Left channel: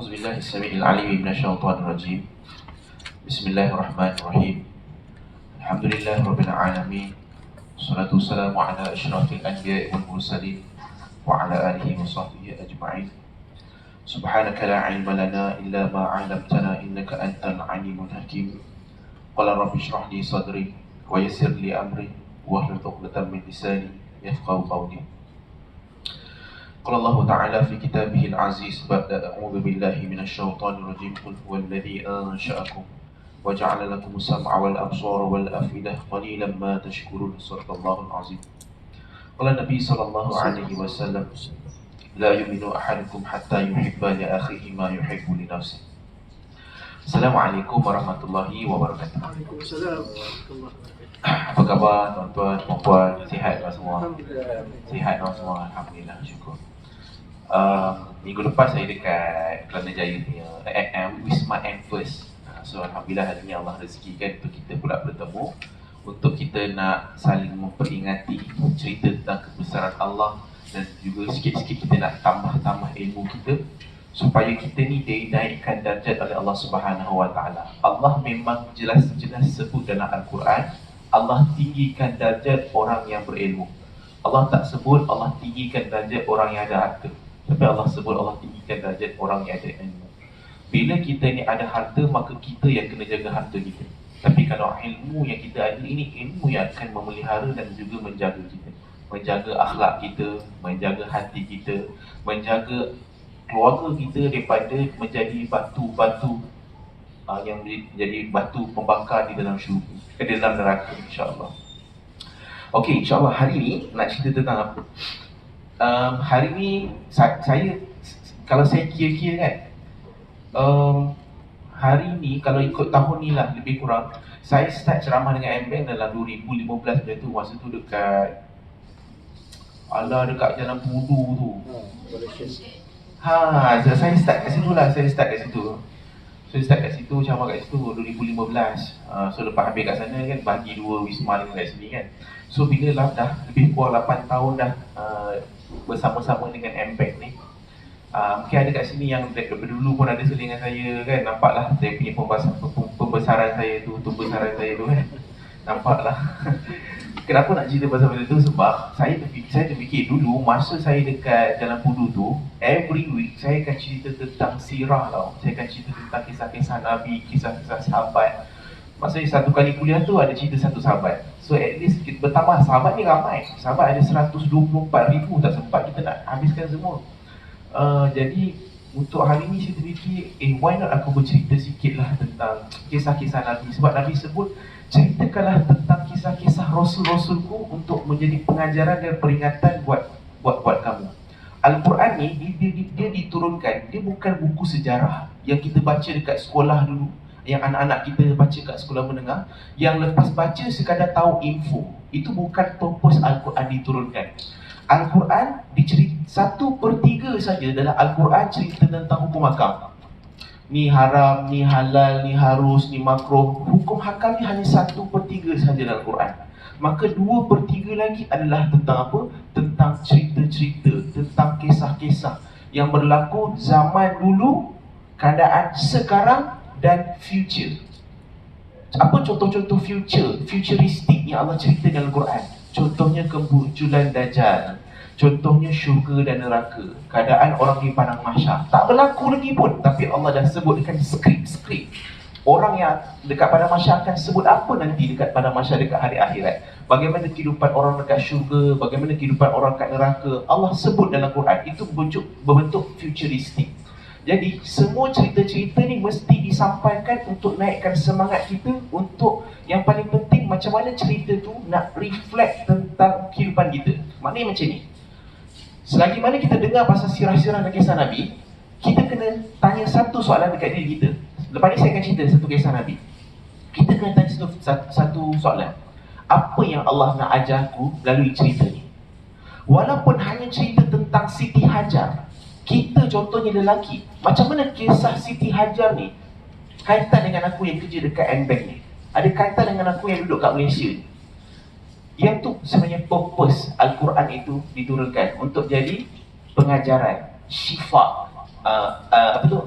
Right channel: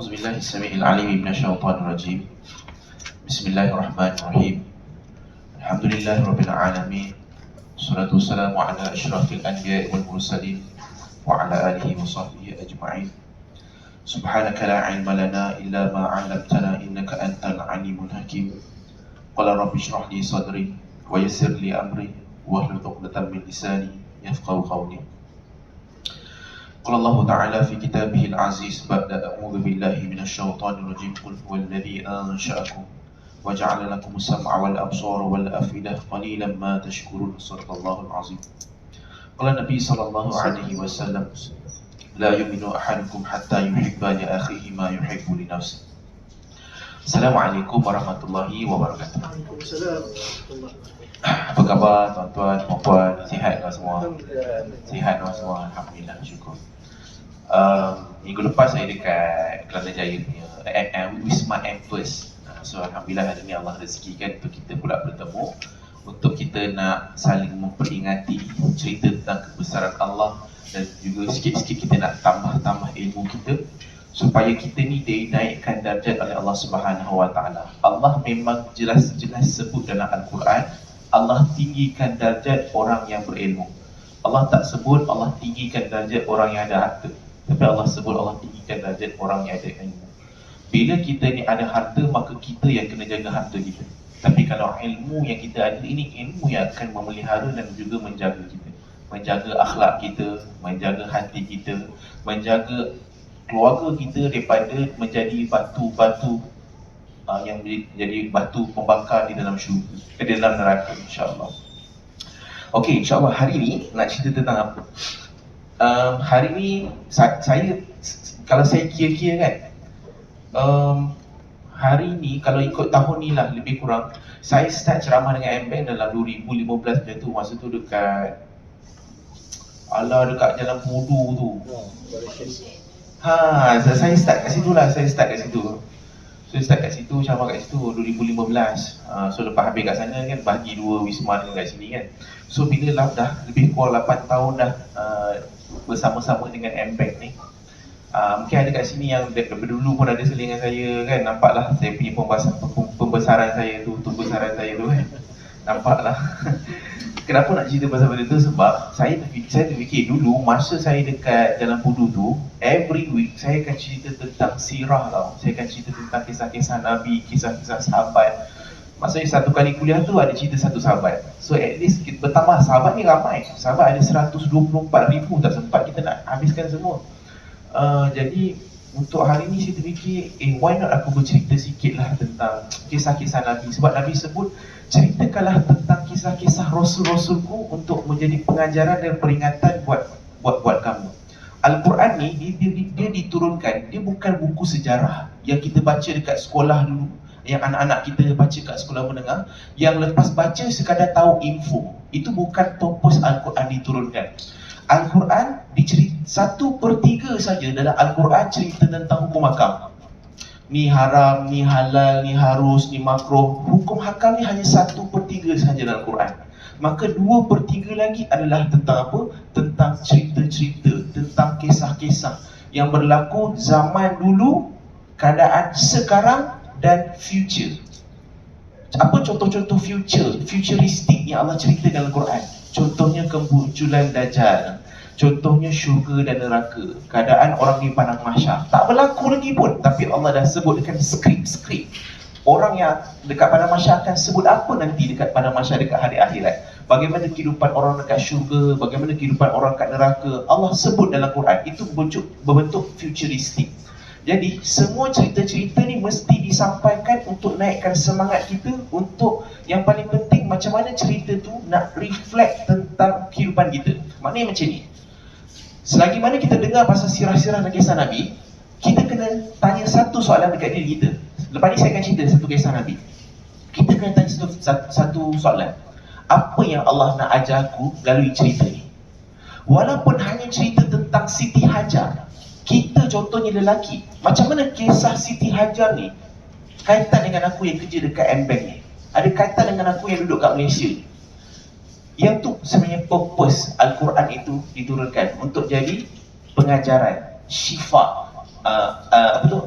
أعوذ بالله السميع العليم من الشيطان الرجيم. بسم الله الرحمن الرحيم. الحمد لله رب العالمين. والصلاة والسلام على أشرف الأنبياء والمرسلين وعلى آله وصحبه أجمعين. سبحانك لا علم لنا إلا ما علمتنا إنك أنت العليم الحكيم. قال رب اشرح لي صدري ويسر لي أمري واحلل عقدة من لساني يفقهوا قولي. قال الله تعالى في كتابه العزيز بعد أعوذ بالله من الشيطان الرجيم قل هو الذي أنشأكم وجعل لكم السمع والأبصار والأفئدة قليلا ما تشكرون. صدق الله العظيم. قال النبي صلى الله عليه وسلم لا يؤمن أحدكم حتى يحب لأخيه ما يحب لنفسه. Assalamualaikum warahmatullahi wabarakatuh. Waalaikumsalam warahmatullahi wabarakatuh. Apa khabar tuan-tuan, puan-puan? Sihat kan semua? Alhamdulillah. Sihat kan semua? Alhamdulillah, syukur. Minggu lepas saya dekat Kelana Jaya punya Wisma M First. So Alhamdulillah hari ni Allah rezekikan untuk kita pula bertemu, untuk kita nak saling memperingati cerita tentang kebesaran Allah, dan juga sikit-sikit kita nak tambah-tambah ilmu kita supaya kita ni dinaikkan darjat oleh Allah Subhanahu Wa Taala. Allah memang jelas-jelas sebut dalam Al-Quran, Allah tinggikan darjat orang yang berilmu. Allah tak sebut Allah tinggikan darjat orang yang ada harta, tapi Allah sebut Allah tinggikan darjat orang yang ada ilmu. Bila kita ni ada harta, maka kita yang kena jaga harta kita. Tapi kalau ilmu yang kita ada, ini ilmu yang akan memelihara dan juga menjaga kita, menjaga akhlak kita, menjaga hati kita, menjaga keluarga kita daripada menjadi batu-batu yang menjadi batu pembakar di dalam syurga, di dalam neraka, insya-Allah. Okey, insya-Allah hari ni nak cerita tentang apa? Hari ni saya kalau saya kira-kira kan, hari ni kalau ikut tahun ni lah lebih kurang, saya start ceramah dengan MBank dalam 2015 macam tu. Masa tu dekat dekat Jalan Pudu tu. Saya start kat situ lah. Saya start kat situ, ceramah kat situ 2015. So lepas habis kat sana kan, bagi dua wisma dengan kat sini kan. So bila lah dah lebih kurang 8 tahun dah bersama-sama dengan MBank ni, mungkin ada kat sini yang daripada dulu pun ada selingan saya kan. Nampaklah saya punya pembesaran saya tu kan. Nampaklah. Kenapa nak cerita pasal benda tu? Sebab saya terfikir dulu masa saya dekat Jalan Pudu tu, every week saya akan cerita tentang sirah tau. Saya akan cerita tentang kisah-kisah Nabi, kisah-kisah sahabat. Masa satu kali kuliah tu ada cerita satu sahabat. So at least kita bertambah, sahabat ni ramai. Sahabat ada 124,000, tak sempat kita nak habiskan semua. Jadi untuk hari ni saya terfikir, why not aku bercerita sikit lah tentang kisah-kisah Nabi. Sebab Nabi sebut, ceritakanlah tentang kisah-kisah Rasul-Rasulku untuk menjadi pengajaran dan peringatan buat kamu. Al-Quran ni dia diturunkan, dia bukan buku sejarah yang kita baca dekat sekolah dulu, yang anak-anak kita baca kat sekolah menengah, yang lepas baca sekadar tahu info. Itu bukan purpose Al-Quran diturunkan. Al-Quran dicerita 1/3 saja dalam Al-Quran cerita tentang hukum hakam. Ni haram, ni halal, ni harus, ni makruh. Hukum hakam ni hanya 1/3 saja dalam Al-Quran. Maka 2/3 lagi adalah tentang apa? Tentang cerita-cerita, tentang kisah-kisah yang berlaku zaman dulu, keadaan sekarang dan future. Apa contoh-contoh futuristik yang Allah cerita dalam Al-Quran? Contohnya kemunculan Dajjal, contohnya syurga dan neraka, keadaan orang di padang mahsyar. Tak berlaku lagi pun, tapi Allah dah sebutkan skrip. Orang yang dekat padang mahsyar akan sebut apa nanti dekat padang mahsyar, dekat hari akhirat. Bagaimana kehidupan orang dekat syurga, bagaimana kehidupan orang dekat neraka, Allah sebut dalam Quran. Itu berbentuk futuristik. Jadi semua cerita-cerita ni mesti disampaikan untuk naikkan semangat kita, untuk yang paling penting macam mana cerita tu nak reflect tentang kehidupan kita. Maknanya macam ni, selagi mana kita dengar pasal sirah-sirah dan kisah Nabi, kita kena tanya satu soalan dekat diri kita. Lepas ni saya akan cerita satu kisah Nabi. Kita kena tanya satu soalan. Apa yang Allah nak ajar aku melalui cerita ni? Walaupun hanya cerita tentang Siti Hajar, kita contohnya lelaki, macam mana kisah Siti Hajar ni kaitan dengan aku yang kerja dekat MBank ni? Ada kaitan dengan aku yang duduk kat Malaysia ni? Yang tu sebenarnya purpose Al-Quran itu diturunkan, untuk jadi pengajaran, syifa, apa tu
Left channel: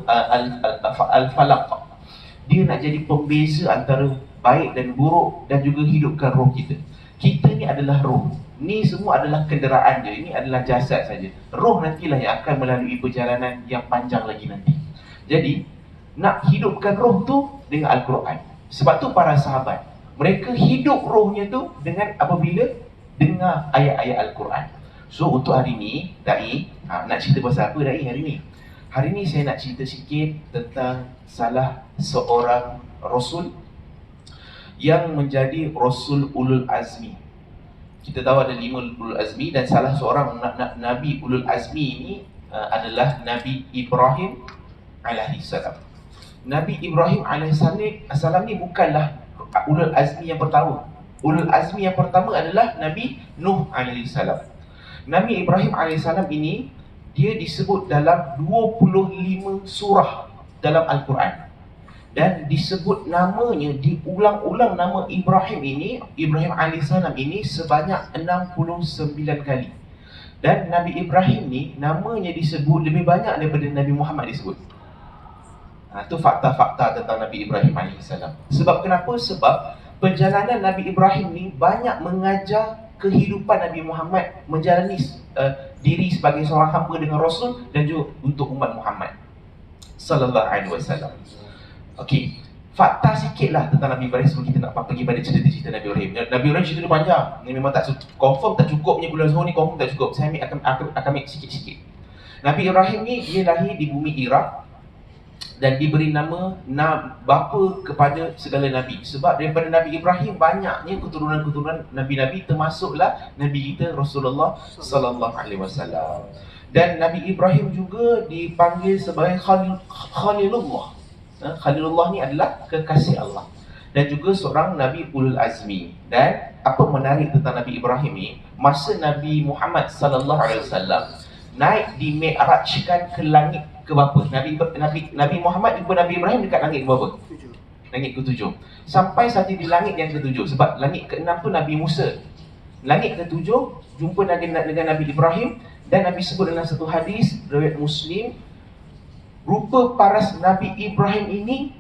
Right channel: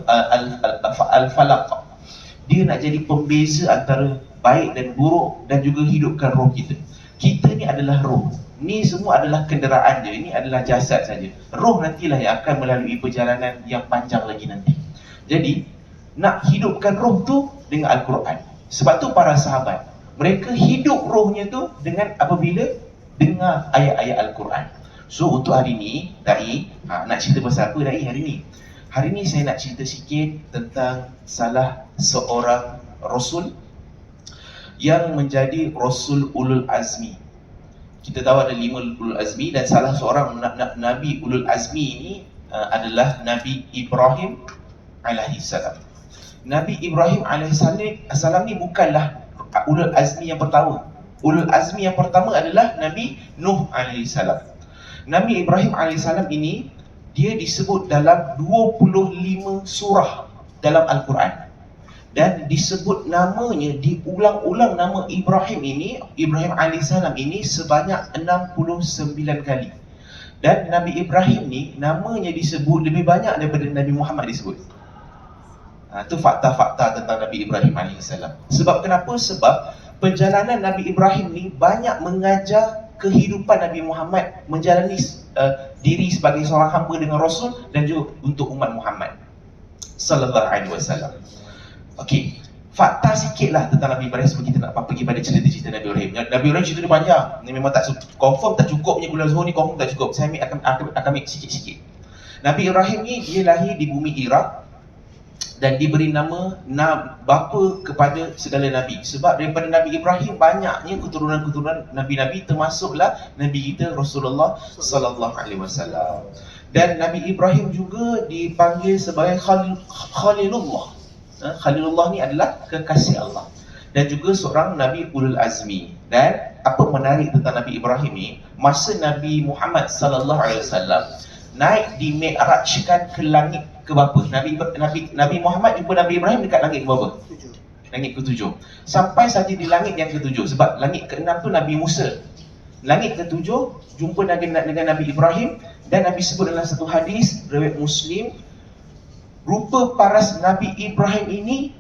al-falaq. Dia nak jadi pembeza antara baik dan buruk dan juga hidupkan roh kita. Kita ni adalah roh. Ni semua adalah kenderaan je. Ini adalah jasad saja. Roh nantilah yang akan melalui perjalanan yang panjang lagi nanti. Jadi nak hidupkan roh tu dengan Al-Quran. Sebab tu para sahabat, mereka hidup rohnya tu dengan apabila dengar ayat-ayat Al-Quran. So untuk hari ni, Dai, nak cerita pasal apa Dai hari ni? Hari ni saya nak cerita sikit tentang salah seorang Rasul yang menjadi Rasul Ulul Azmi. Kita tahu ada 5 Ulul Azmi dan salah seorang Nabi Ulul Azmi ini adalah Nabi Ibrahim alaihissalam. Nabi Ibrahim alaihissalam ni bukanlah Ulul Azmi yang pertama. Ulul Azmi yang pertama adalah Nabi Nuh alaihissalam. Nabi Ibrahim alaihissalam ini dia disebut dalam 25 surah dalam Al-Quran. Dan disebut namanya, diulang-ulang nama Ibrahim ini, Ibrahim alaihissalam ini sebanyak 69 kali. Dan Nabi Ibrahim ni namanya disebut lebih banyak daripada Nabi Muhammad disebut. Itu fakta-fakta tentang Nabi Ibrahim alaihissalam. Sebab kenapa? Sebab perjalanan Nabi Ibrahim ni banyak mengajar kehidupan Nabi Muhammad menjalani diri sebagai seorang hamba dengan Rasul dan juga untuk umat Muhammad sallallahu alaihi wasallam. Okey, fakta sikitlah tentang Nabi Ibrahim sebelum kita nak pergi pada cerita-cerita Nabi Ibrahim. Nabi Ibrahim cerita dia panjang. Ni memang tak confirm tak cukupnya Kuliah Zuhur ni, confirm tak cukup. Saya akan ambil sikit-sikit. Nabi Ibrahim ni dia lahir di bumi Iraq dan diberi nama bapa kepada segala nabi. Sebab daripada Nabi Ibrahim banyaknya keturunan-keturunan nabi-nabi, termasuklah Nabi kita Rasulullah sallallahu alaihi wasallam. Dan Nabi Ibrahim juga dipanggil sebagai Khalilullah. Khalilullah ni adalah kekasih Allah dan juga seorang Nabi Ulul Azmi. Dan apa menarik tentang Nabi Ibrahim ni, masa Nabi Muhammad sallallahu alaihi wasallam naik di Mi'rajkan ke langit ke berapa? Nabi Muhammad jumpa Nabi Ibrahim dekat langit ke berapa? 7. Langit ke-7. Sampai saja di langit yang ke-7. Sebab langit ke-6 tu Nabi Musa. Langit ke-7 jumpa dengan Nabi Ibrahim. Dan Nabi sebut dalam satu hadis riwayat Muslim, rupa paras Nabi Ibrahim ini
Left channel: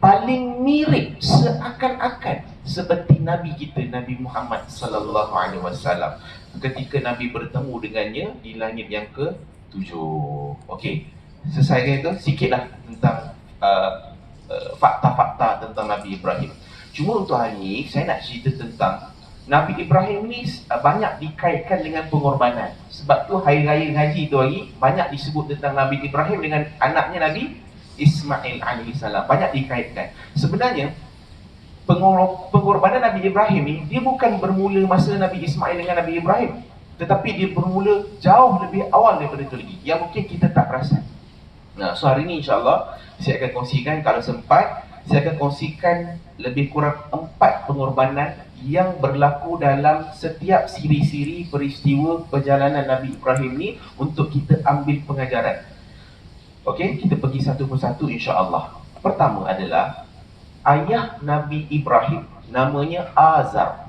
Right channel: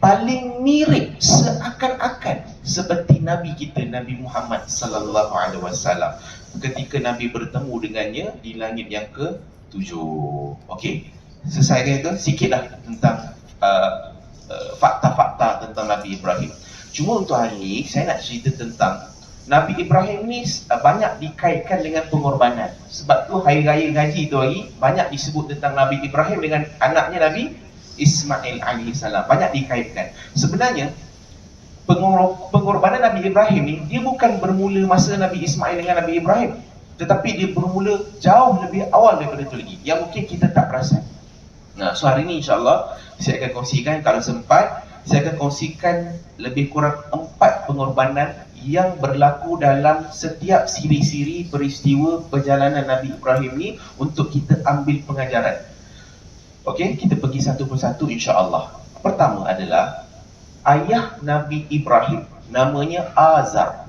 paling mirip seakan-akan seperti Nabi kita Nabi Muhammad sallallahu alaihi wasallam ketika Nabi bertemu dengannya di langit yang ke-7. Okey, selesai kan itu? Sikitlah tentang fakta-fakta tentang Nabi Ibrahim. Cuma untuk hari ini saya nak cerita tentang Nabi Ibrahim ni banyak dikaitkan dengan pengorbanan. Sebab tu hari raya ngaji tu hari banyak disebut tentang Nabi Ibrahim dengan anaknya Nabi Ismail alaihissalam. Banyak dikaitkan. Sebenarnya pengorbanan Nabi Ibrahim ni dia bukan bermula masa Nabi Ismail dengan Nabi Ibrahim, tetapi dia bermula jauh lebih awal daripada itu lagi, yang mungkin kita tak perasan. Nah, so hari ni insyaAllah saya akan kongsikan, kalau sempat saya akan kongsikan lebih kurang 4 pengorbanan yang berlaku dalam setiap siri-siri peristiwa perjalanan Nabi Ibrahim ni untuk kita ambil pengajaran. Okey, kita pergi satu persatu insya-Allah. Pertama adalah ayah Nabi Ibrahim, namanya Azar.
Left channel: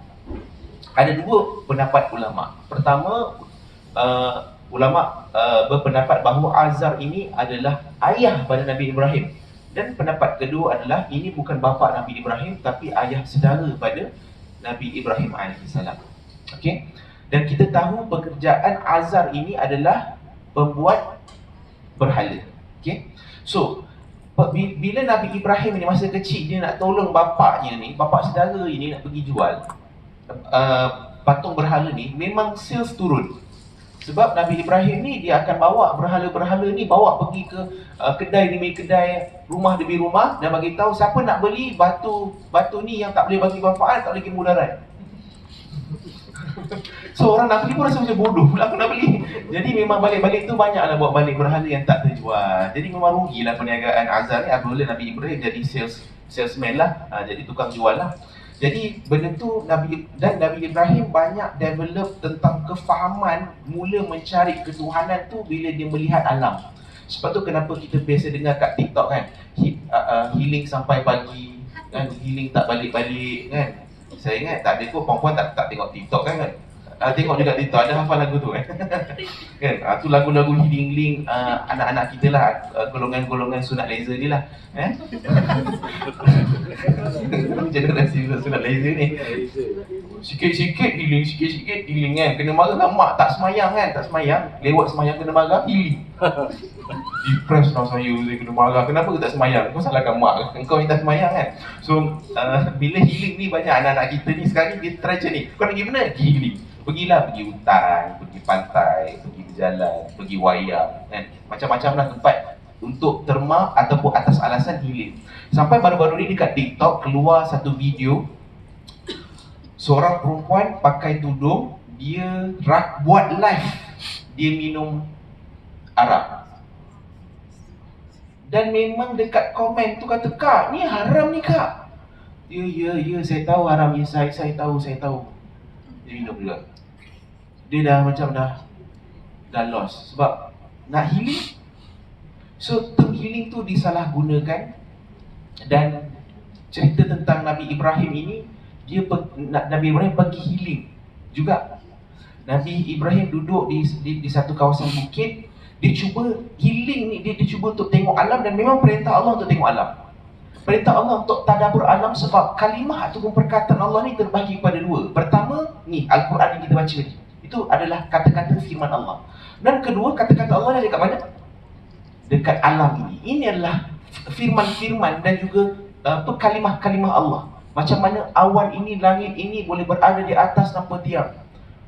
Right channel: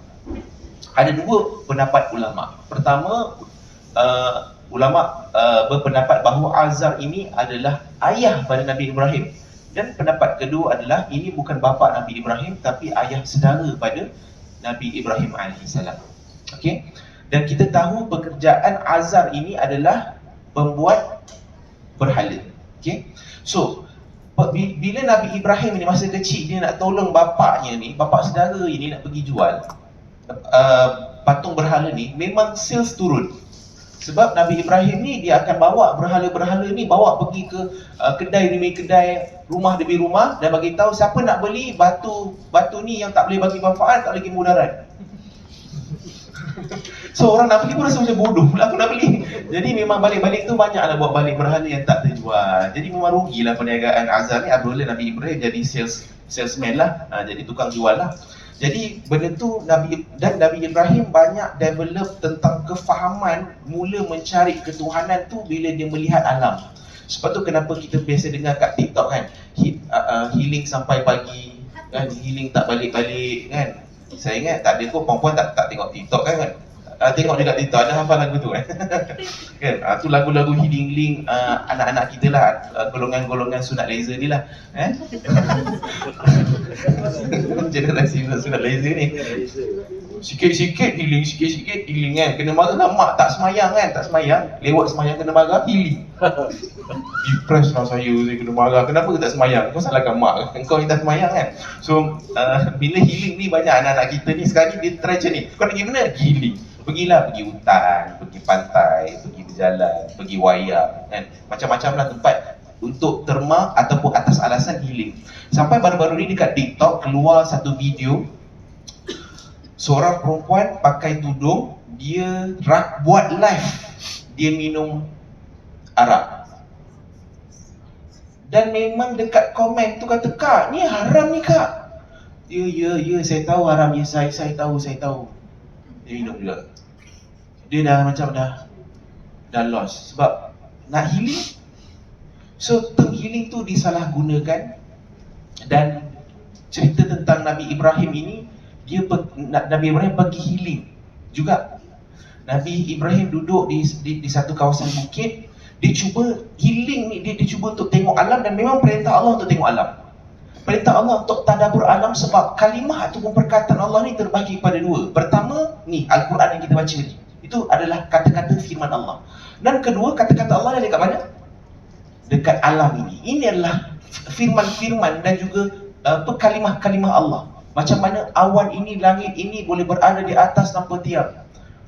Ada 2 pendapat ulama. Pertama, ulama berpendapat bahawa Azar ini adalah ayah pada Nabi Ibrahim. Dan pendapat kedua adalah ini bukan bapa Nabi Ibrahim tapi ayah saudara pada Nabi Ibrahim alaihissalam. Okey. Dan kita tahu pekerjaan Azar ini adalah pembuat berhala. Okey. So, bila Nabi Ibrahim ni masa kecil dia nak tolong bapaknya ni, bapak saudara ini nak pergi jual patung berhala ni, memang sales turun. Sebab Nabi Ibrahim ni dia akan bawa berhala-berhala ni, bawa pergi ke kedai demi kedai, rumah demi rumah, dan bagi tahu siapa nak beli batu ni yang tak boleh bagi manfaat, tak boleh mudarat. So orang nak beli pun rasa macam bodoh, aku nak beli. Jadi memang balik-balik tu banyaklah buat balik berhala yang tak terjual. Jadi memang rugilah perniagaan Azar ni apabila Nabi Ibrahim jadi salesman lah, jadi tukang jual lah. Jadi benda tu Nabi Ibrahim banyak develop tentang kefahaman mula mencari ketuhanan tu bila dia melihat alam. Sebab tu kenapa kita biasa dengar kat TikTok kan, healing sampai pagi kan, healing tak balik-balik kan. Saya ingat tak ada kot perempuan tak tengok TikTok kan. Tengok juga TikTok, ada hafal lagu tu kan? Kan? Tu lagu-lagu healing anak-anak kita lah, golongan-golongan sunat laser ni lah. Generasi sunat laser ni. Sikit-sikit healing, sikit-sikit healing kan. Kena marah lah mak, tak semayang kan, tak semayang. Lewat semayang kena marah, healing. Depressed lah saya kena marah. Kenapa tak semayang? Kau salahkan mak, kau minta semayang kan. So bila healing ni, banyak anak-anak kita ni sekarang ni dia try macam ni. Kau nak pergi mana? Healing. Pergilah, pergi hutan, pergi pantai, pergi berjalan, pergi wayang kan. Macam-macam lah tempat untuk terma ataupun atas alasan healing. Sampai baru-baru ni dekat TikTok keluar satu video seorang perempuan pakai tudung, dia buat live dia minum arak. Dan memang dekat komen tu kata, "Kak, ni haram ni kak." Ya, saya tahu haram. Ya, saya tahu. Dia minum juga. Dia dah macam dah lost. Sebab nak healing. So, term healing tu disalahgunakan. Dan cerita tentang Nabi Ibrahim ini, Nabi Ibrahim pergi healing juga. Nabi Ibrahim duduk di satu kawasan bukit. Dia cuba healing ni, dia cuba untuk tengok alam. Dan memang perintah Allah untuk tengok alam. Perintah Allah untuk tadabbur alam. Sebab kalimah ataupun perkataan Allah ni terbahagi kepada dua. Pertama, ni Al-Quran yang kita baca ni, itu adalah kata-kata firman Allah. Dan kedua, kata-kata Allah ni dekat mana? Dekat alam ini. Ini adalah firman-firman dan juga kalimah-kalimah Allah. Macam mana awan ini, langit ini boleh berada di atas tanpa tiang.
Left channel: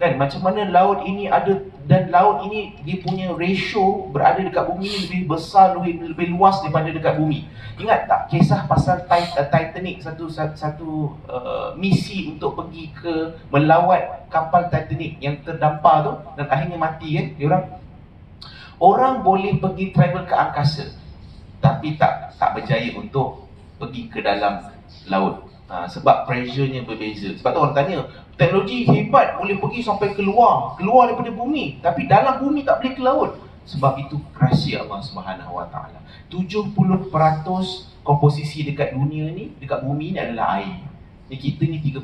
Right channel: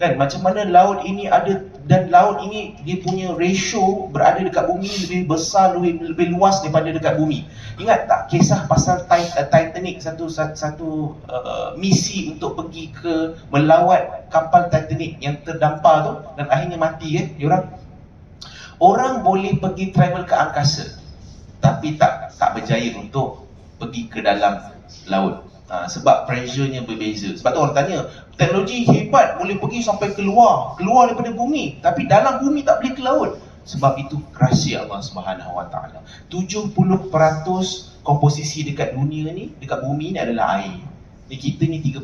Kan? Macam mana laut ini ada, dan laut ini dia punya ratio berada dekat bumi lebih besar, lebih luas daripada dekat bumi. Ingat tak kisah pasal Titanic, satu misi untuk pergi ke melawat kapal Titanic yang terdampar tu dan akhirnya mati kan diorang. Orang boleh pergi travel ke angkasa tapi tak berjaya untuk pergi ke dalam laut. Sebab pressure-nya berbeza. Sebab tu orang tanya, teknologi hebat boleh pergi sampai keluar daripada bumi, tapi dalam bumi tak boleh ke laut. Sebab itu rahsia Allah Subhanahu Wa Taala. 70% komposisi dekat dunia ni, dekat bumi ni adalah air. Ni kita ni 30%,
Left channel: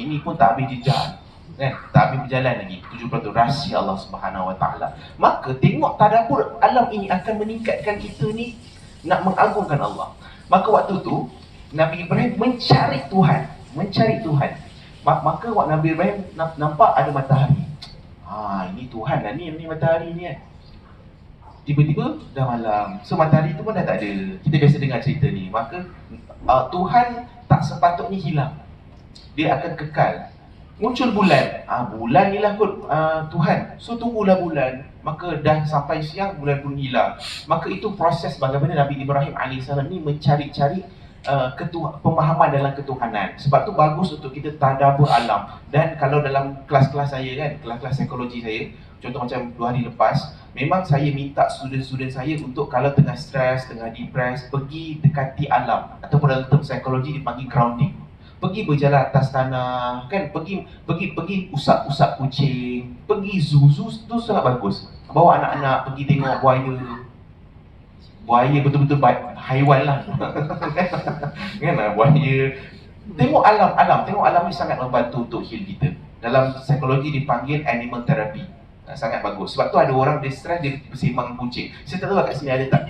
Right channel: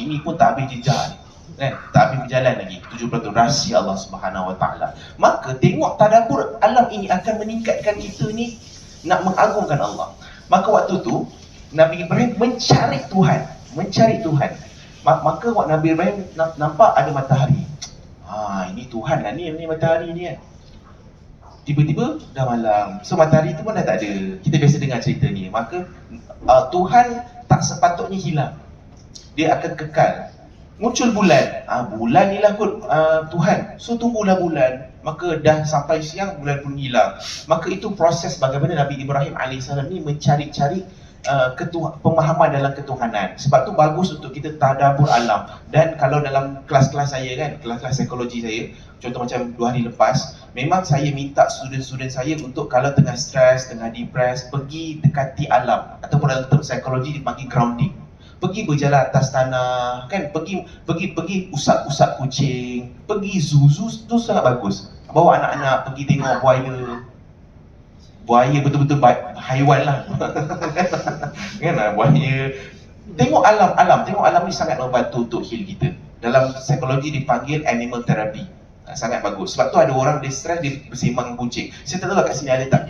ini pun tak habis jejak ni. Kan? Tak habis berjalan lagi. 70% rahsia Allah Subhanahu Wa Taala. Maka tengok tadabbur alam ini akan meningkatkan kita ni nak mengagungkan Allah. Maka waktu tu Nabi Ibrahim mencari Tuhan. Maka waktu Nabi Ibrahim nampak ada matahari. Ini Tuhan lah ni matahari ni kan. Tiba-tiba dah malam. So matahari tu pun dah tak ada. Kita biasa dengar cerita ni. Maka Tuhan tak sepatutnya hilang. Dia akan kekal. Muncul bulan. Bulan ni lah kot Tuhan. So tunggulah bulan. Maka dah sampai siang, bulan pun hilang. Maka itu proses bagaimana Nabi Ibrahim AS ni mencari-cari pemahaman dalam ketuhanan. Sebab tu bagus untuk kita tadabbur alam. Dan kalau dalam kelas-kelas saya kan, kelas-kelas psikologi saya, contoh macam 2 hari lepas, memang saya minta student-student saya untuk kalau tengah stres, tengah depres, pergi dekati alam. Ataupun dalam term psikologi dipanggil grounding. Pergi berjalan atas tanah, kan? Pergi usap-usap kucing, pergi zoo tu sangat bagus. Bawa anak-anak pergi tengok buaya betul-betul haiwan lah. Kan, buaya. Tengok alam ni sangat membantu untuk heal kita. Dalam psikologi dipanggil animal therapy. Sangat bagus. Sebab tu ada orang dia stres, dia bersimang kucing. Saya tak tahu lah kat sini ada tak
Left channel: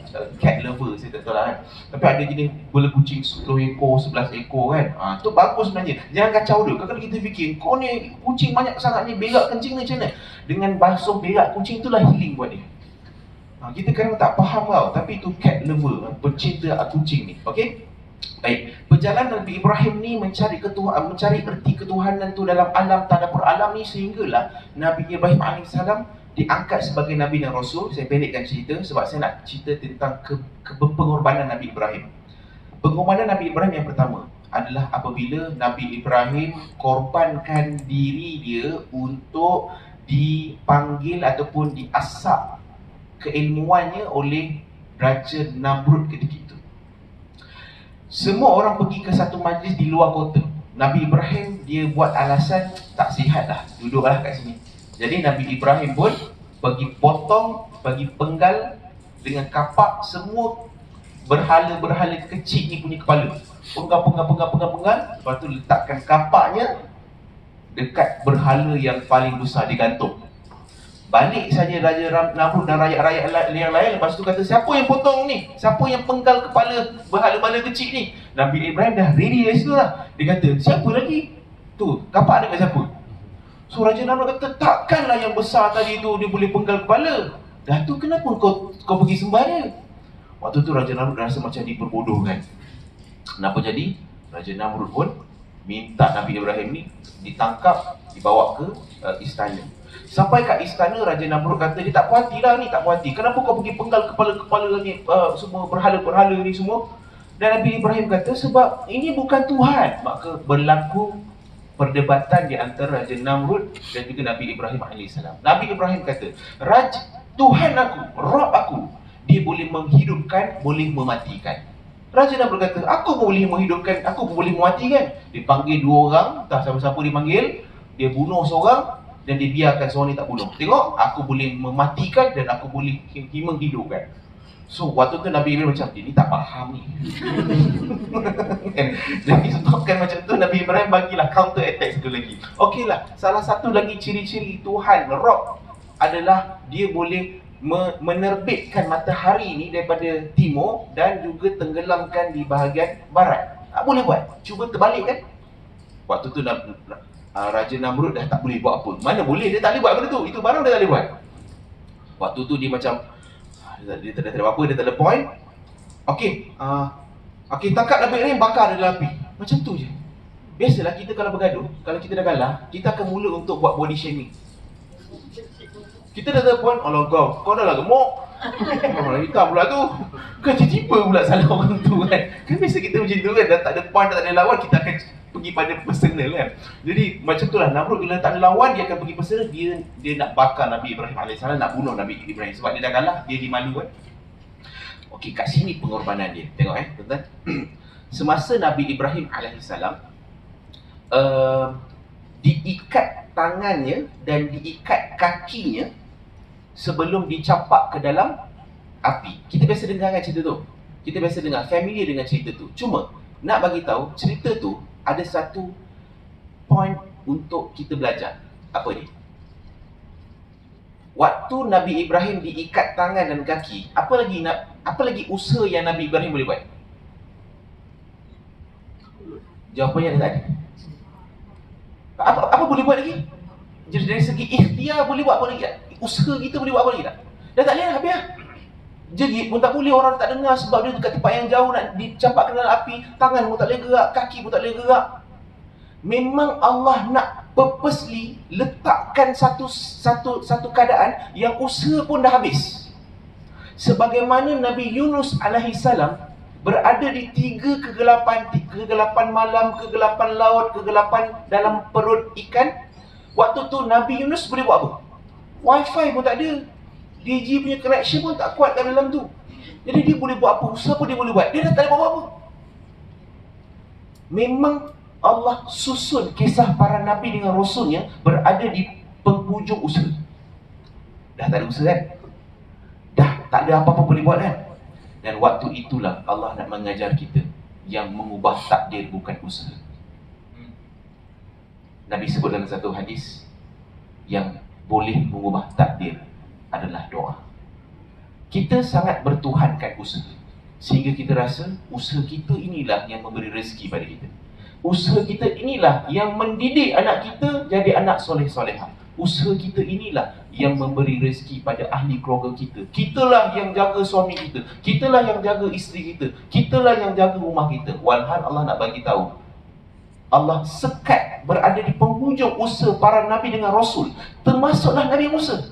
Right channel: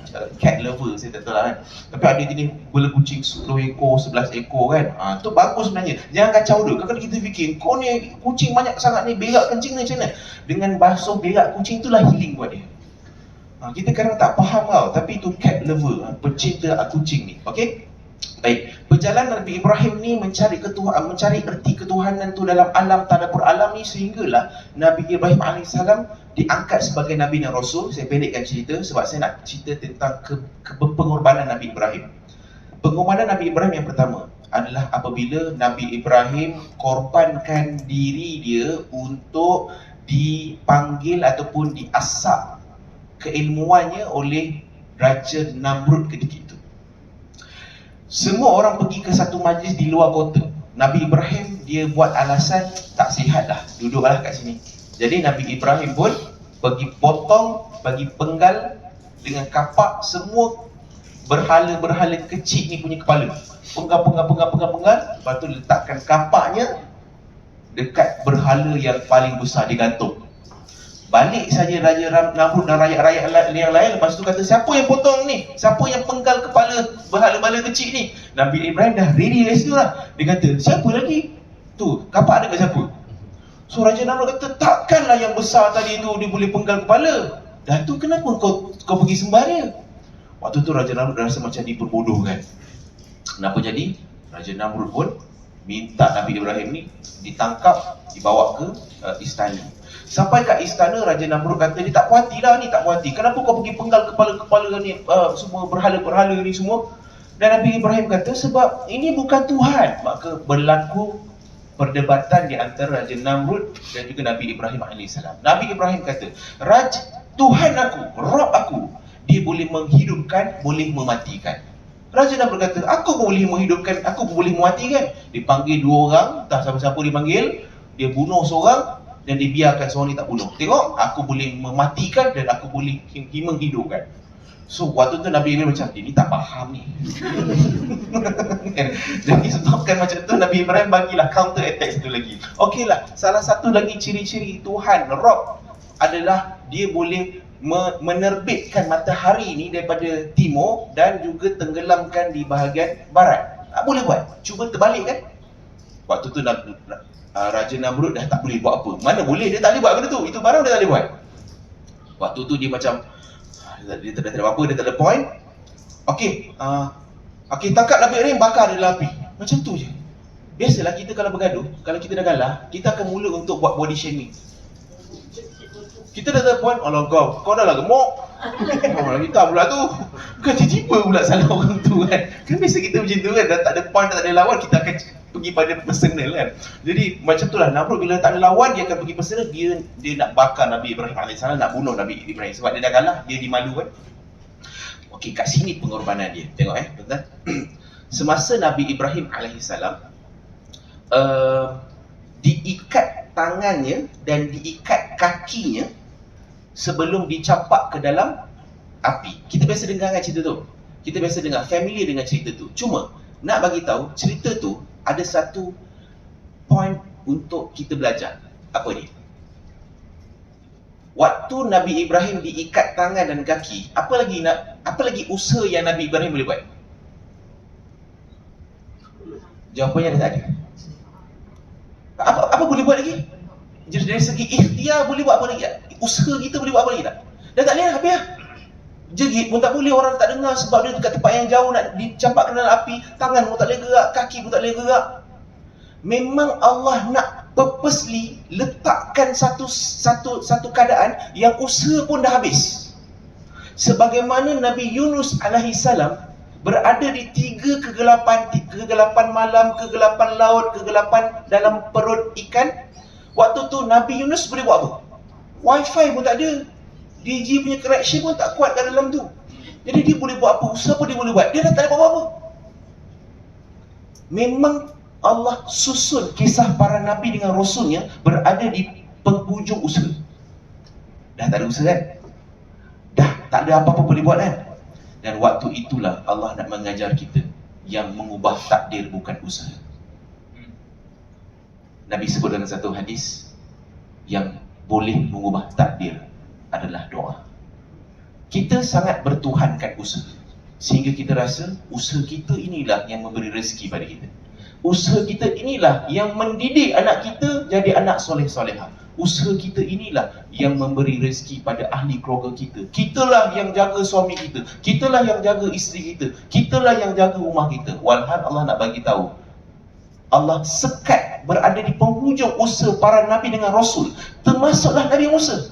cat lover, saya tak tahu lah kan. Tapi ada jenis bela kucing 10 ekor, 11 ekor kan. Tu bagus sebenarnya. Jangan kacau dia. Kadang-kadang kita fikir, kau ni kucing banyak sangat ni, berak kencing ni macam mana? Dengan basuh berak kucing itulah healing buat dia. Kita kadang tak faham tau, tapi itu cat lover, pecinta kucing ni. Okey? Baik. Perjalanan Nabi Ibrahim ni mencari erti ketuhanan tu dalam alam, tadabbur alam ni, sehinggalah Nabi Ibrahim AS diangkat sebagai Nabi dan Rasul. Saya pendekkan cerita sebab saya nak cerita tentang pengorbanan Nabi Ibrahim. Pengorbanan Nabi Ibrahim yang pertama adalah apabila Nabi Ibrahim korbankan diri dia untuk dipanggil ataupun diasap keilmuannya oleh Raja Namrud ketika itu. Semua orang pergi ke satu majlis di luar kota. Nabi Ibrahim dia buat alasan tak sihat dah, duduklah kat sini. Jadi Nabi Ibrahim pun pergi potong, bagi penggal dengan kapak semua berhala-berhala kecil ni punya kepala. Penggal, lepas tu letakkan kapaknya dekat berhala yang paling besar digantung. Balik saja Raja Namrud dan rakyat-rakyat yang lain. Lepas tu kata, siapa yang potong ni? Siapa yang penggal kepala berhala-berhala kecil ni? Nabi Ibrahim dah ready dari situ lah. Dia kata, siapa lagi? Tu, kapak ada kat siapa? So Raja Namrud kata, takkanlah yang besar tadi tu dia boleh penggal kepala. Dah tu kenapa kau pergi sembah dia? Waktu tu Raja Namrud rasa macam diperbodohkan. Kenapa jadi? Raja Namrud pun minta Nabi Ibrahim ni ditangkap, dibawa ke istana. Sampai kat istana, Raja Namrud kata, dia tak puas hati lah ni, tak puas hati. Kenapa kau pergi penggal kepala-kepala ni, semua berhala-berhala ni semua? Dan Nabi Ibrahim kata, sebab ini bukan Tuhan. Maka berlaku perdebatan di antara Raja Namrud dan juga Nabi Ibrahim AS. Nabi Ibrahim kata, Tuhan aku, Rabb aku, dia boleh menghidupkan, boleh mematikan. Raja Namrud kata, aku boleh menghidupkan, aku boleh mematikan. Dipanggil dua orang, entah siapa-siapa dipanggil, dia bunuh seorang dan dia biarkan seorang ni tak bunuh. Tengok, aku boleh mematikan dan aku boleh menghidupkan. So waktu tu Nabi Ibrahim macam, dia ni tak faham ni. Jadi sebabkan macam tu, Nabi Ibrahim bagilah counter attack satu lagi. Okey lah, salah satu lagi ciri-ciri Tuhan Rabb adalah dia boleh menerbitkan matahari ni daripada timur dan juga tenggelamkan di bahagian barat. Tak boleh buat. Cuba terbalik kan. Waktu tu Raja Namrud dah tak boleh buat apa. Mana boleh, dia tak boleh buat benda tu. Itu barang dia tak boleh buat. Waktu tu dia macam, dia tak ada apa-apa, dia tak ada point. Okey, tangkap Nabi Ibrahim, bakar dia dalam api. Macam tu je. Biasalah kita kalau bergaduh, kalau kita dah kalah, kita akan mula untuk buat body shaming. Kita dah ada point, Allah kau dah lah gemuk. Orang kita pula tu. Bukan tiba-tiba pula salah orang tu kan. Kan biasa kita macam tu kan, dah tak ada point, tak ada lawan, kita akan pergi pada personal kan. Jadi macam tu lah, Namrud bila tak ada lawan, dia akan pergi personal. Dia nak bakar Nabi Ibrahim AS, nak bunuh Nabi Ibrahim. Sebab dia dah kalah, dia dimalu kan. Okey, kat sini pengorbanan dia. Tengok tuan-tuan. Semasa Nabi Ibrahim AS diikat tangannya dan diikat kakinya sebelum dicapak ke dalam api. Kita biasa dengar kan cerita tu. Kita biasa dengar, familiar dengan cerita tu. Cuma nak bagi tahu, cerita tu ada satu point untuk kita belajar. Apa ni? Waktu Nabi Ibrahim diikat tangan dan kaki, apa lagi usaha yang Nabi Ibrahim boleh buat? Jawapannya dia tak ada. Apa boleh buat lagi? Jadi dari segi ikhtiar boleh buat apa lagi tak? Usaha kita boleh buat apa lagi tak? Dah tak boleh lah, habis lah. Jerit pun tak boleh, orang tak dengar sebab dia dekat tempat yang jauh, nak dicampak ke dalam api. Tangan pun tak boleh gerak, kaki pun tak boleh gerak. Memang Allah nak purposely letakkan satu keadaan yang usaha pun dah habis. Sebagaimana Nabi Yunus alaihissalam berada di 3 kegelapan malam, kegelapan laut, kegelapan dalam perut ikan. Waktu tu Nabi Yunus boleh buat apa? Wifi pun tak ada, DG punya connection pun tak kuat kat dalam tu. Jadi dia boleh buat apa? Usaha apa dia boleh buat? Dia dah tak ada buat apa-apa. Memang Allah susun kisah para Nabi dengan Rasulnya berada di penghujung usaha. Dah tak ada usaha kan? Dah tak ada apa-apa boleh buat kan? Dan waktu itulah Allah nak mengajar kita yang mengubah takdir bukan usaha. Nabi sebut dalam satu hadis, yang boleh mengubah takdir adalah doa. Kita sangat bertuhankan usaha, sehingga kita rasa usaha kita inilah yang memberi rezeki pada kita. Usaha kita inilah yang mendidik anak kita jadi anak soleh-solehah. Usaha kita inilah yang memberi rezeki pada ahli keluarga kita. Kitalah yang jaga suami kita, kitalah yang jaga isteri kita, kitalah yang jaga rumah kita. Walhal Allah nak bagi tahu, Allah sekat berada di penghujung usaha para Nabi dengan Rasul, termasuklah Nabi Musa.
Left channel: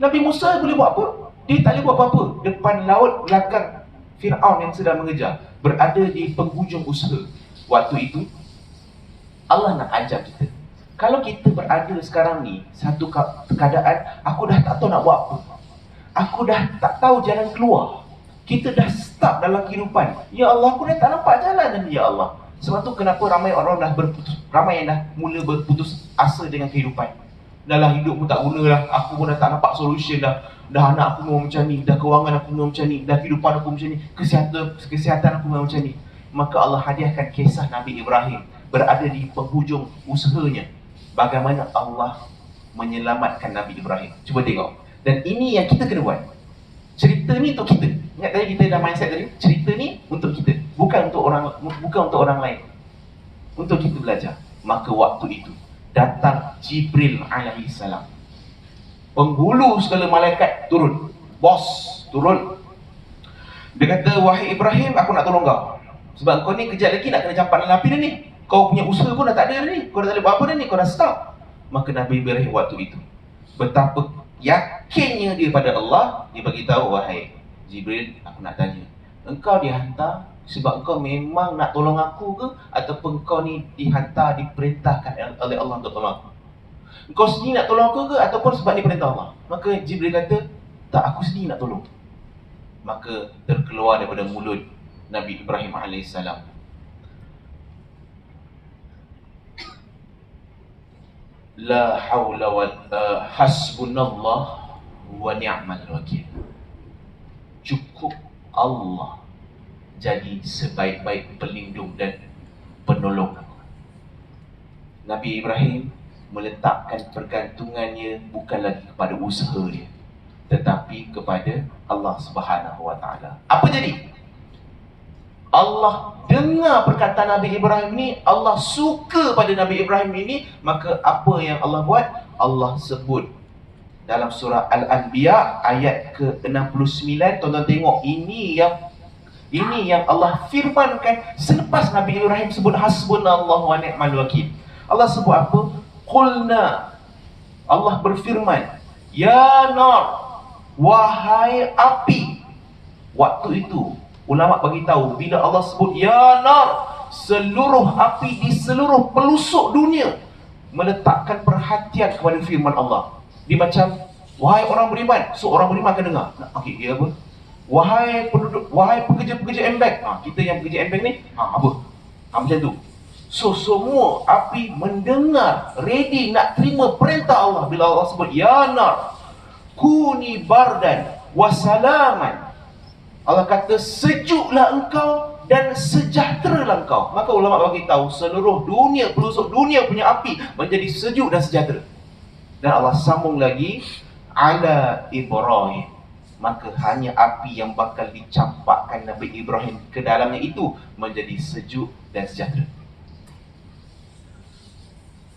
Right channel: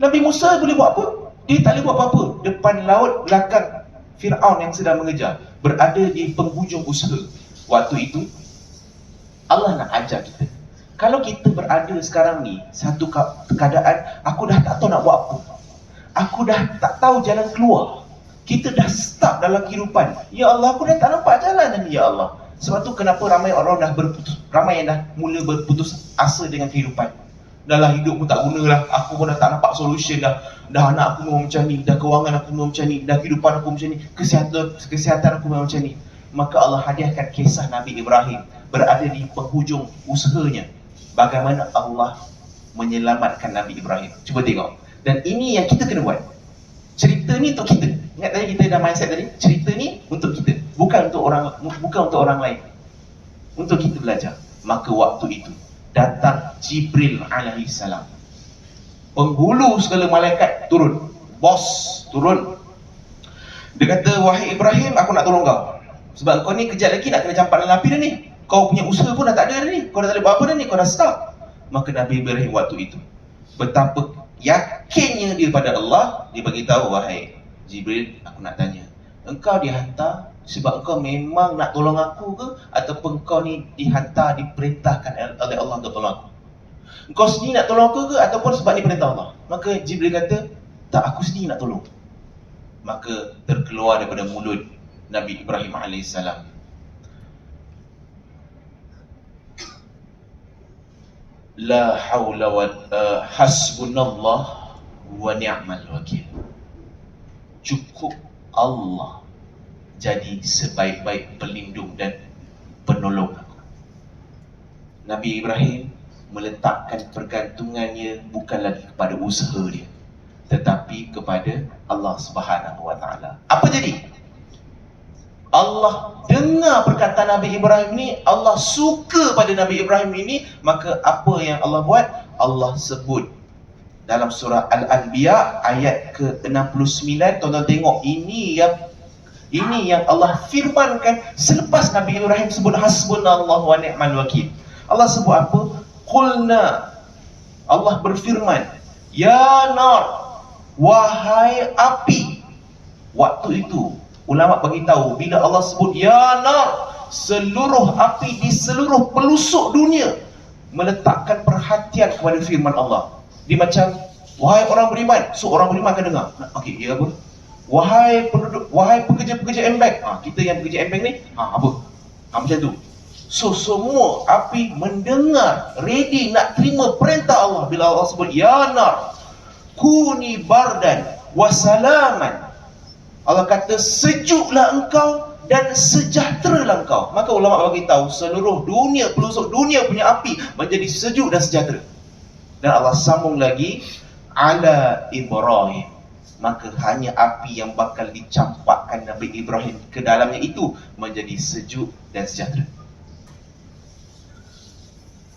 Nabi Musa boleh buat apa? Dia tak boleh buat apa-apa. Depan laut, belakang Fir'aun yang sedang mengejar, berada di penghujung usaha. Waktu itu Allah nak ajar kita, kalau kita berada sekarang ni satu keadaan, aku dah tak tahu nak buat apa, aku dah tak tahu jalan keluar, kita dah stuck dalam kehidupan. Ya Allah, aku dah tak nampak jalan ni, ya Allah. Sebab tu kenapa ramai orang ramai yang dah mula berputus asa dengan kehidupan. Dahlah hidup pun tak guna lah, aku pun dah tak nampak solution dah. Dah anak aku memang macam ni, dah kewangan aku memang macam ni, dah kehidupan aku macam ni, kesihatan aku memang macam ni. Maka Allah hadiahkan kisah Nabi Ibrahim berada di penghujung usahanya. bagaimana Allah menyelamatkan Nabi Ibrahim. Cuba tengok. Dan ini yang kita kena buat. Cerita ni untuk kita. Ingat tadi kita dah mindset tadi, cerita ni untuk kita, bukan untuk orang lain. Untuk kita belajar. Maka waktu itu datang Jibril alaihi salam. Penghulu segala malaikat turun. Bos turun. Dia kata, wahai Ibrahim, aku nak tolong kau. Sebab kau ni kejap lagi nak kena campak dalam api dah ni. Kau punya usaha pun dah tak ada dah ni. Kau dah tak boleh buat apa dah ni, kau dah stop. Maka Nabi Ibrahim waktu itu, betapa yakinnya dia pada Allah, dia bagi tahu, wahai Jibril, aku nak tanya, engkau dihantar sebab engkau memang nak tolong aku ke, ataupun kau ni dihantar, diperintahkan oleh Allah untuk tolong aku? Engkau sendiri nak tolong aku ke, ataupun sebab ni perintah Allah? Maka Jibril kata, tak, aku sendiri nak tolong. Maka terkeluar daripada mulut Nabi Ibrahim AS, la haula wa hasbunallah wa ni'mal wakil. Cukup Allah jadi sebaik-baik pelindung dan penolong aku. Nabi Ibrahim meletakkan pergantungannya bukan lagi kepada usaha dia, tetapi kepada Allah Subhanahu wa taala. Apa jadi? Allah dengar perkataan Nabi Ibrahim ni, Allah suka pada Nabi Ibrahim ini, maka apa yang Allah buat? Allah sebut dalam surah Al-Anbiya ayat ke-69. Tuan-tuan tengok, ini yang Allah firmankan selepas Nabi Ibrahim sebut hasbunallahu wa ni'mal wakil. Allah sebut apa? Qulna, Allah berfirman, ya nar, wahai api. Waktu itu ulama bagi tahu, bila Allah sebut ya nar, seluruh api di seluruh pelosok dunia meletakkan perhatian kepada firman Allah. Dia macam, wahai orang beriman, so orang beriman akan dengar. Okey, dia apa? Wahai penduduk, wahai pekerja-pekerja embek. Kita yang pekerja embek ni, apa? Macam tu. So semua api mendengar, ready nak terima perintah Allah bila Allah sebut ya nar, kuni bardan wasalaman. Allah kata, sejuklah engkau dan sejahteralah engkau. Maka ulama bagi tahu, seluruh dunia, pelosok dunia punya api menjadi sejuk dan sejahtera. Dan Allah sambung lagi, ala Ibrahim, maka hanya api yang bakal dicampakkan Nabi Ibrahim ke dalamnya itu menjadi sejuk dan sejahtera.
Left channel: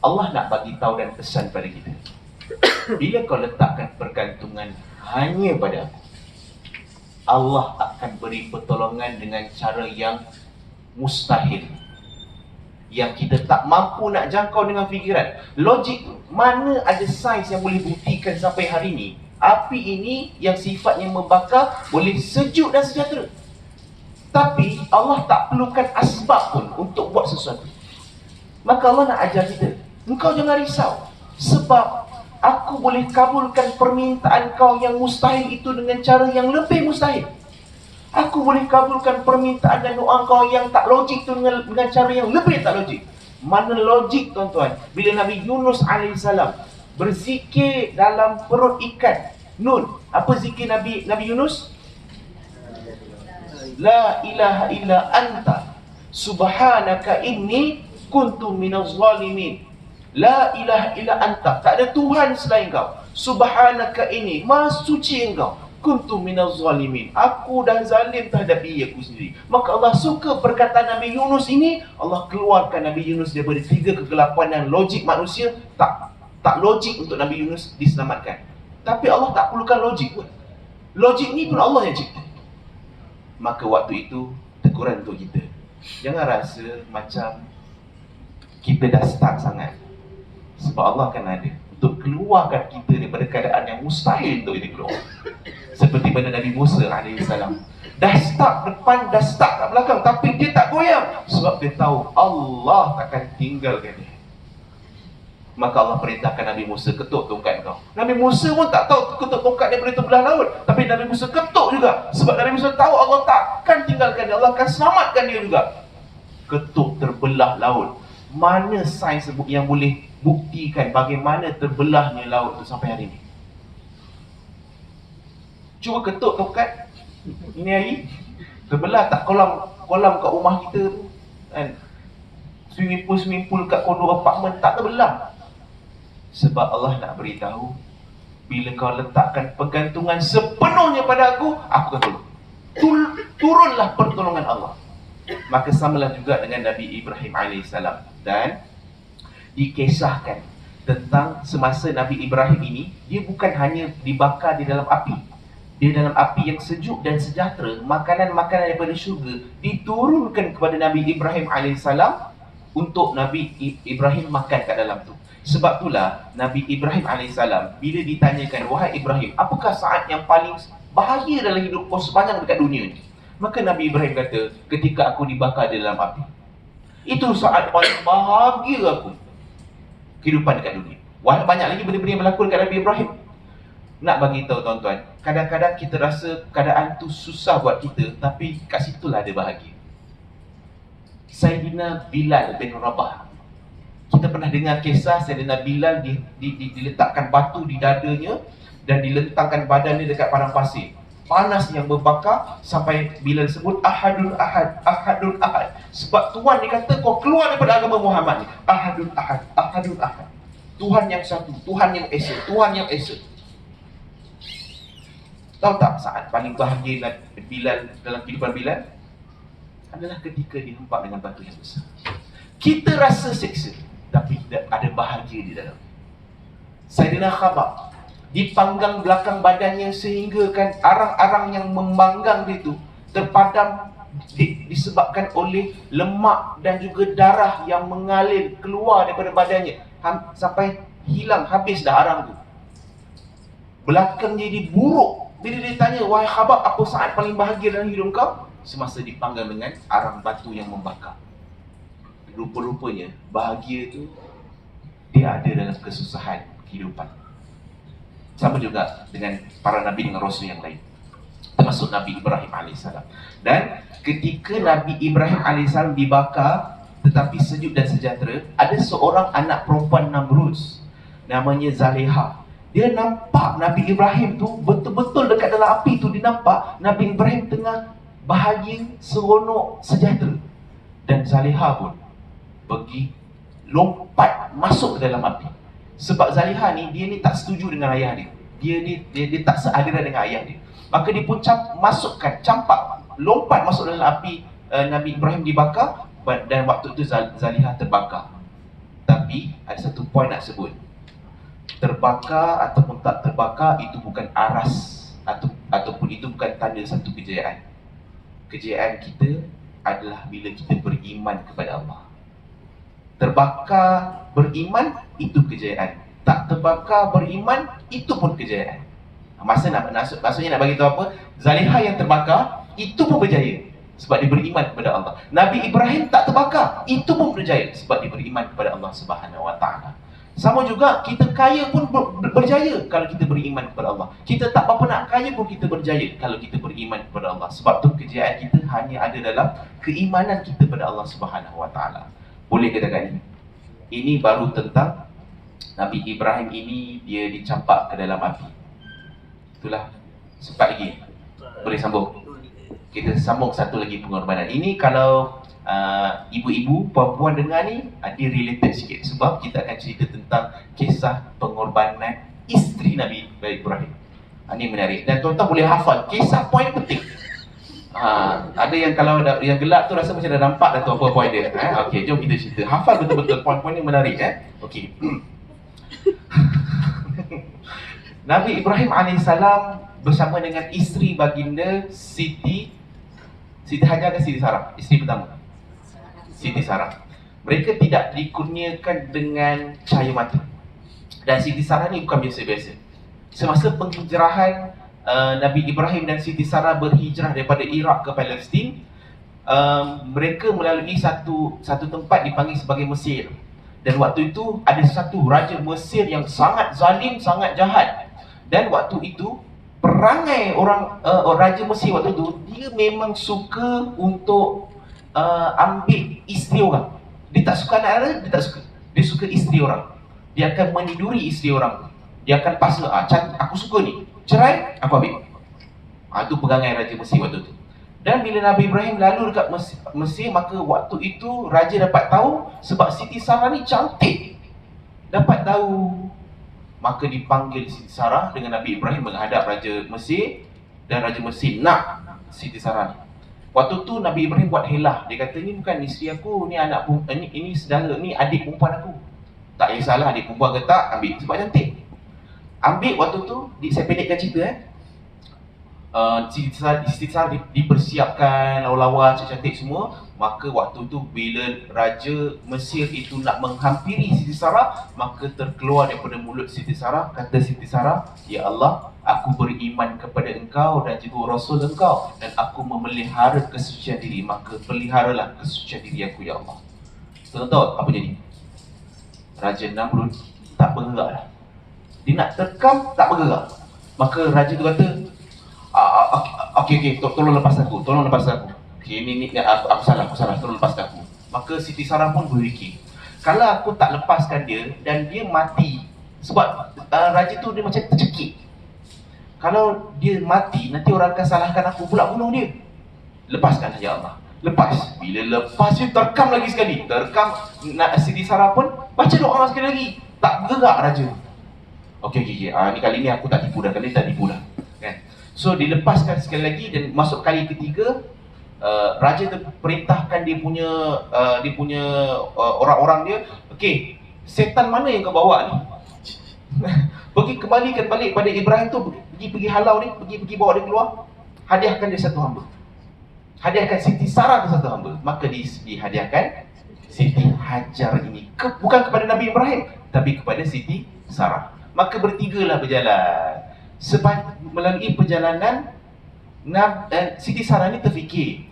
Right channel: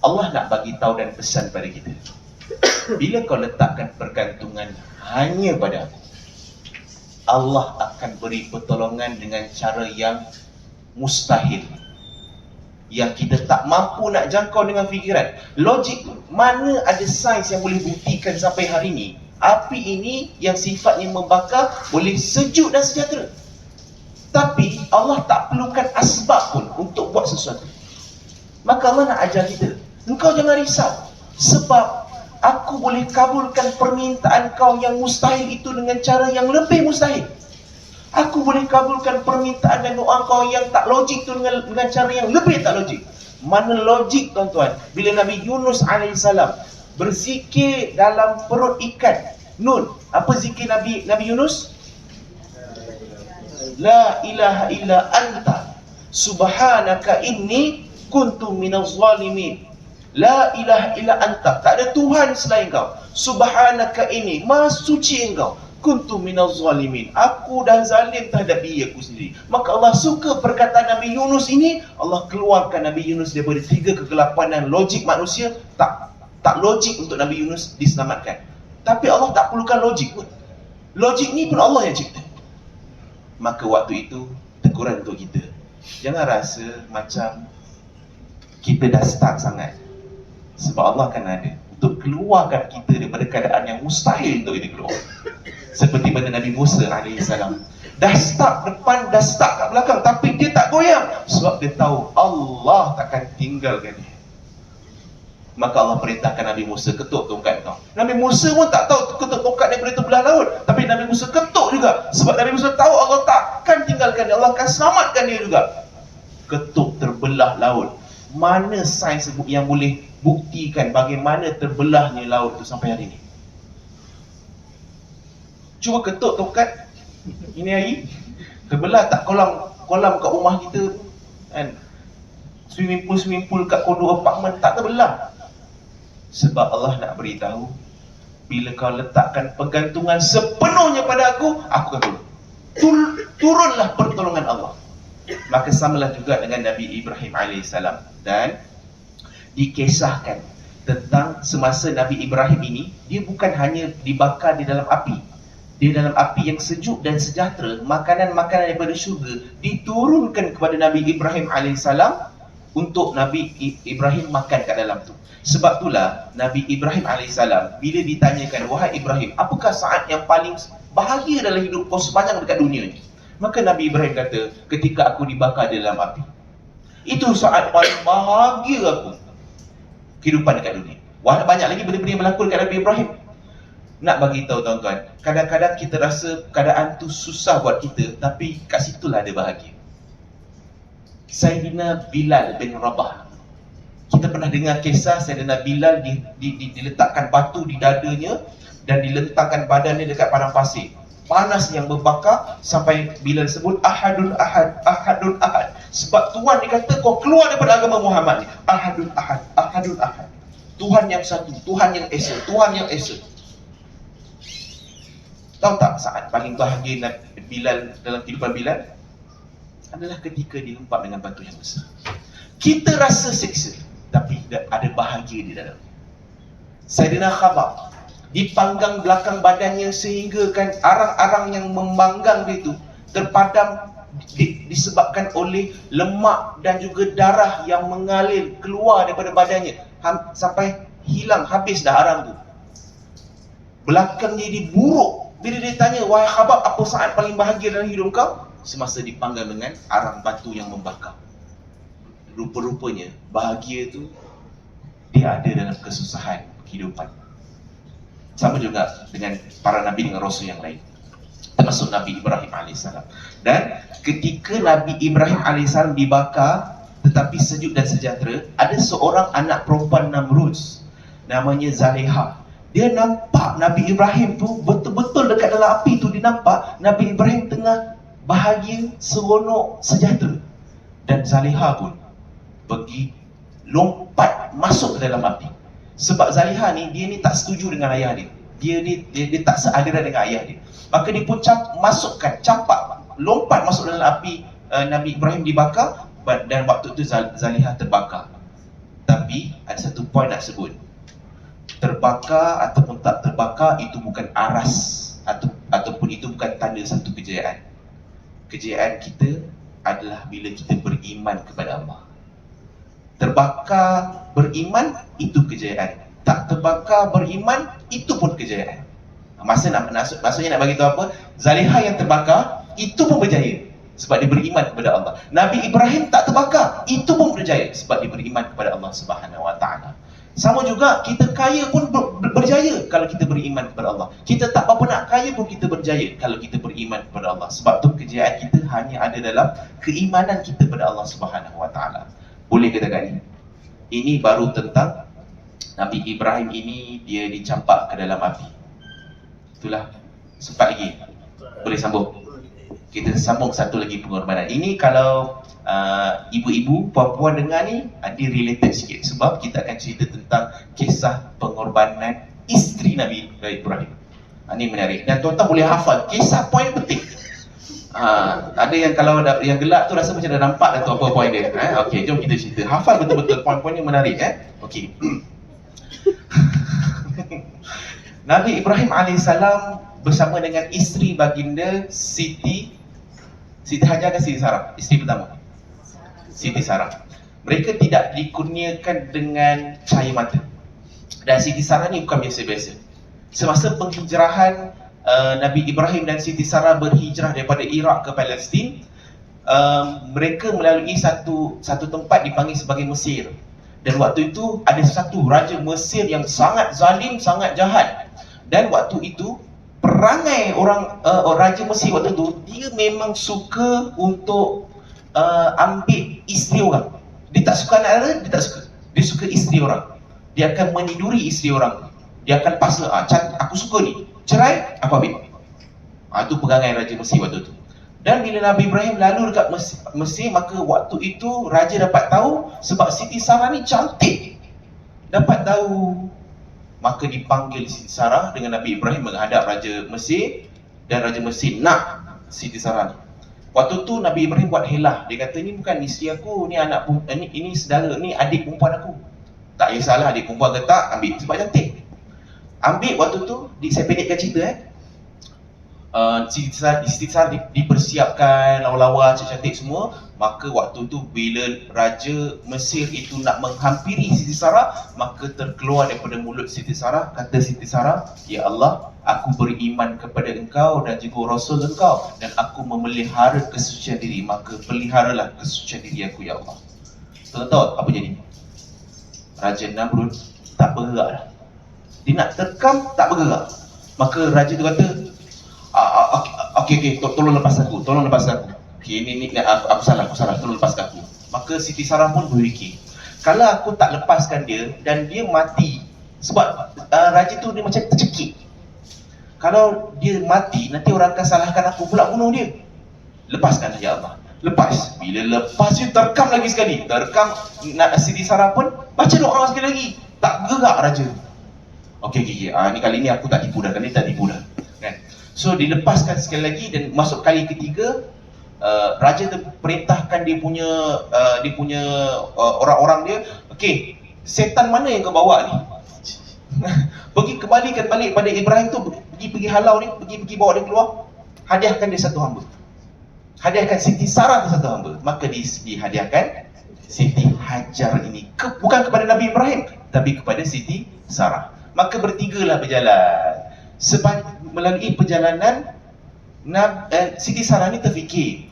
Allah nak bagi tahu dan pesan pada kita, bila kau letakkan pergantungan hanya pada aku, Allah akan beri pertolongan dengan cara yang mustahil, yang kita tak mampu nak jangkau dengan fikiran. Logik, mana ada sains yang boleh buktikan sampai hari ini api ini yang sifatnya membakar boleh sejuk dan sejahtera. Tapi Allah tak perlukan asbab pun untuk buat sesuatu. Maka Allah nak ajar kita, engkau jangan risau, sebab aku boleh kabulkan permintaan kau yang mustahil itu dengan cara yang lebih mustahil. Aku boleh kabulkan permintaan dan doa kau yang tak logik itu dengan cara yang lebih tak logik. Mana logik, tuan-tuan? Bila Nabi Yunus AS berzikir dalam perut ikan Nun, apa zikir Nabi Yunus? La ilaha illa anta subhanaka inni kuntu minaz zalimin. La ilaha illa anta, tak ada Tuhan selain kau. Subhanaka ini, maha suci engkau. Kuntu minaz zalimin, aku dah zalim terhadap diri aku sendiri. Maka Allah suka perkataan Nabi Yunus ini. Allah keluarkan Nabi Yunus daripada tiga kegelapan dan logik manusia. Tak logik untuk Nabi Yunus diselamatkan. Tapi Allah tak perlukan logik pun. Logik ni pun Allah yang cipta. Maka waktu itu teguran untuk kita, jangan rasa macam kita dah start sangat. Sebab Allah akan ada untuk keluarkan kita daripada keadaan yang mustahil untuk kita keluar. Seperti mana Nabi Musa AS, dah start depan, dah start kat belakang, tapi dia tak goyang. Sebab dia tahu Allah takkan tinggalkan dia. Maka Allah perintahkan Nabi Musa, ketuk tongkat kau. Nabi Musa pun tak tahu ketuk tongkat dia boleh terbelah laut, tapi Nabi Musa ketuk juga. Sebab Nabi Musa tahu Allah takkan tinggalkan dia, Allah akan selamatkan dia juga. Ketuk terbelah laut. Mana sains yang boleh buktikan bagaimana terbelahnya laut itu sampai hari ini? Cuba ketuk tongkat ini hari, terbelah tak kolam kat rumah kita tu kan? Swimming pool kat kondo apartment tak terbelah. Sebab Allah nak beritahu, bila kau letakkan pergantungan sepenuhnya pada aku akan tolong. Turunlah pertolongan Allah. Maka samalah juga dengan Nabi Ibrahim alaihissalam. Dan dikisahkan tentang semasa Nabi Ibrahim ini, dia bukan hanya dibakar di dalam api. Dia dalam api yang sejuk dan sejahtera. Makanan-makanan daripada syurga diturunkan kepada Nabi Ibrahim alaihissalam untuk Nabi Ibrahim makan kat dalam tu. Sebab itulah Nabi Ibrahim alaihissalam bila ditanyakan, wahai Ibrahim, apakah saat yang paling bahagia dalam hidup kau sepanjang dekat dunia ni? Maka Nabi Ibrahim kata, ketika aku dibakar di dalam api. Itu saat paling bahagia aku kehidupan dekat dunia. Wah, banyak lagi benda-benda yang berlaku dekat Nabi Ibrahim. Nak bagi tahu tuan-tuan, kadang-kadang kita rasa keadaan tu susah buat kita, tapi kat situlah ada bahagia. Sayyidina Bilal bin Rabah. Kita pernah dengar kisah Sayyidina Bilal diletakkan batu di dadanya dan dilentangkan badannya dekat padang pasir. Panas yang berbakar sampai Bilal sebut Ahadun Ahad, Ahadun Ahad. Sebab Tuhan dia kata kau keluar daripada agama Muhammad ni. Ahadun Ahad, Ahadun Ahad. Tuhan yang satu, Tuhan yang esa, Tuhan yang esa. Tahu tak saat paling bahagia Bilal dalam kehidupan Bilal? Adalah ketika dilempar dengan batu yang besar. Kita rasa seksa, tapi ada bahagia di dalam. Sayyidina Khabar dipanggang belakang badannya sehingga kan arang-arang yang membanggang dia tu terpadam disebabkan oleh lemak dan juga darah yang mengalir keluar daripada badannya sampai hilang, habis dah arang tu. Belakangnya jadi buruk. Bila dia tanya, wahai Khabar, apa saat paling bahagia dalam hidup kau? Semasa dipanggang dengan arang batu yang membakar. Rupa-rupanya bahagia tu dia ada dalam kesusahan kehidupan. Sama juga dengan para Nabi dengan Rasul yang lain, termasuk Nabi Ibrahim AS. Dan ketika Nabi Ibrahim AS dibakar tetapi sejuk dan sejahtera, ada seorang anak perempuan Namrus, namanya Zaleha. Dia nampak Nabi Ibrahim tu betul-betul dekat dalam api tu. Dia nampak Nabi Ibrahim tengah bahagia, seronok, sejahtera. Dan Zaleha pun pergi lompat masuk ke dalam api. Sebab Zaleha ni, dia ni tak setuju dengan ayah dia. Dia tak sealiran dengan ayah dia. Maka dia pun campak, lompat masuk dalam api. Nabi Ibrahim dibakar dan waktu itu Zaleha terbakar. Tapi ada satu poin nak sebut. Terbakar ataupun tak terbakar itu bukan aras ataupun itu bukan tanda satu kejayaan. Kejayaan kita adalah bila kita beriman kepada Allah. Terbakar beriman itu kejayaan. Tak terbakar beriman itu pun kejayaan. Maksudnya nak bagi tahu apa? Zaleha yang terbakar itu pun berjaya sebab dia beriman kepada Allah. Nabi Ibrahim tak terbakar, itu pun berjaya sebab dia beriman kepada Allah Subhanahu Wa Taala. Sama juga kita kaya pun berjaya kalau kita beriman kepada Allah. Kita tak apa nak kaya pun kita berjaya kalau kita beriman kepada Allah. Sebab tu kejayaan kita hanya ada dalam keimanan kita kepada Allah Subhanahu Wa Taala. Boleh katakan ini baru tentang Nabi Ibrahim ini, dia dicampak ke dalam api. Itulah. Sempat lagi? Boleh sambung? Kita sambung satu lagi pengorbanan. Ini kalau ibu-ibu, puan-puan dengar ni, dia related sikit. Sebab kita akan cerita tentang kisah pengorbanan isteri Nabi Ibrahim. Ini menarik. Dan tuan-tuan boleh hafal. Kisah poin penting. Ada yang kalau yang gelap tu rasa macam dah nampak dah tu apa poin dia. Okey, jom kita cerita. Hafal betul-betul poin-poin ni menarik. Okey. Nabi Ibrahim AS bersama dengan isteri baginda Siti Hajar ke Siti Sarah? Isteri pertama Siti Sarah. Mereka tidak dikurniakan dengan cahaya mata. Dan Siti Sarah ni bukan biasa-biasa. Semasa penghijrahan Nabi Ibrahim dan Siti Sarah berhijrah daripada Iraq ke Palestin, mereka melalui satu tempat dipanggil sebagai Mesir. Dan waktu itu ada satu raja Mesir yang sangat zalim, sangat jahat. Dan waktu itu perangai raja Mesir waktu itu, dia memang suka untuk ambil isteri orang. Dia tak suka anak-anak, dia tak suka. Dia suka isteri orang. Dia akan meniduri isteri orang. Dia akan paksa, aku suka ni, cerai, aku ambil. Itu perangai raja Mesir waktu itu. Dan bila Nabi Ibrahim lalu dekat Mesir, maka waktu itu raja dapat tahu sebab Siti Sarah ni cantik. Dapat tahu maka dipanggil Siti Sarah dengan Nabi Ibrahim menghadap Raja Mesir, dan Raja Mesir nak Siti Sarah ni. Waktu tu Nabi Ibrahim buat helah. Dia kata, ni bukan isteri aku, ni anak ini saudara, ni adik perempuan aku. Tak kisahlah adik perempuan ke tak, ambil sebab cantik. Ambil waktu tu, saya pendekkan cerita Siti Sarah dipersiapkan lawa-lawa cantik semua. Maka waktu tu bila Raja Mesir itu nak menghampiri Siti Sarah, maka terkeluar daripada mulut Siti Sarah, kata Siti Sarah, ya Allah, aku beriman kepada engkau dan juga Rasul engkau, dan aku memelihara kesucian diri, maka peliharalah kesucian diri aku ya Allah. Tuan tahu apa jadi? Raja Namrud tak bergerak dah. Dia nak terkam, tak bergerak. Maka Raja tu kata, okey, tolong lepas aku. Okey, ini aku salah, tolong lepaskan aku. Maka Siti Sarah pun berfikir, kalau aku tak lepaskan dia dan dia mati, sebab Raja tu dia macam tercekik. Kalau dia mati, nanti orang akan salahkan aku pula bunuh dia. Lepaskanlah ya Allah. Lepas. Bila lepas dia terkam lagi sekali. Terkam, Siti Sarah pun baca doa sekali lagi. Tak gerak Raja. Okey. Ni kali ni aku tak tipu dah. Kan? So dilepaskan sekali lagi, dan masuk kali ketiga, Raja tu perintahkan dia punya orang-orang dia, okey, setan mana yang kau bawa ni? Kembalikan balik pada Ibrahim tu, pergi halau ni, pergi bawa dia keluar, hadiahkan dia satu hamba. Hadiahkan Siti Sarah tu satu hamba. Maka dihadiahkan Siti Hajar ini, bukan kepada Nabi Ibrahim, tapi kepada Siti Sarah. Maka bertigalah berjalan. Sebab melalui perjalanan, Siti Sarah ni terfikir,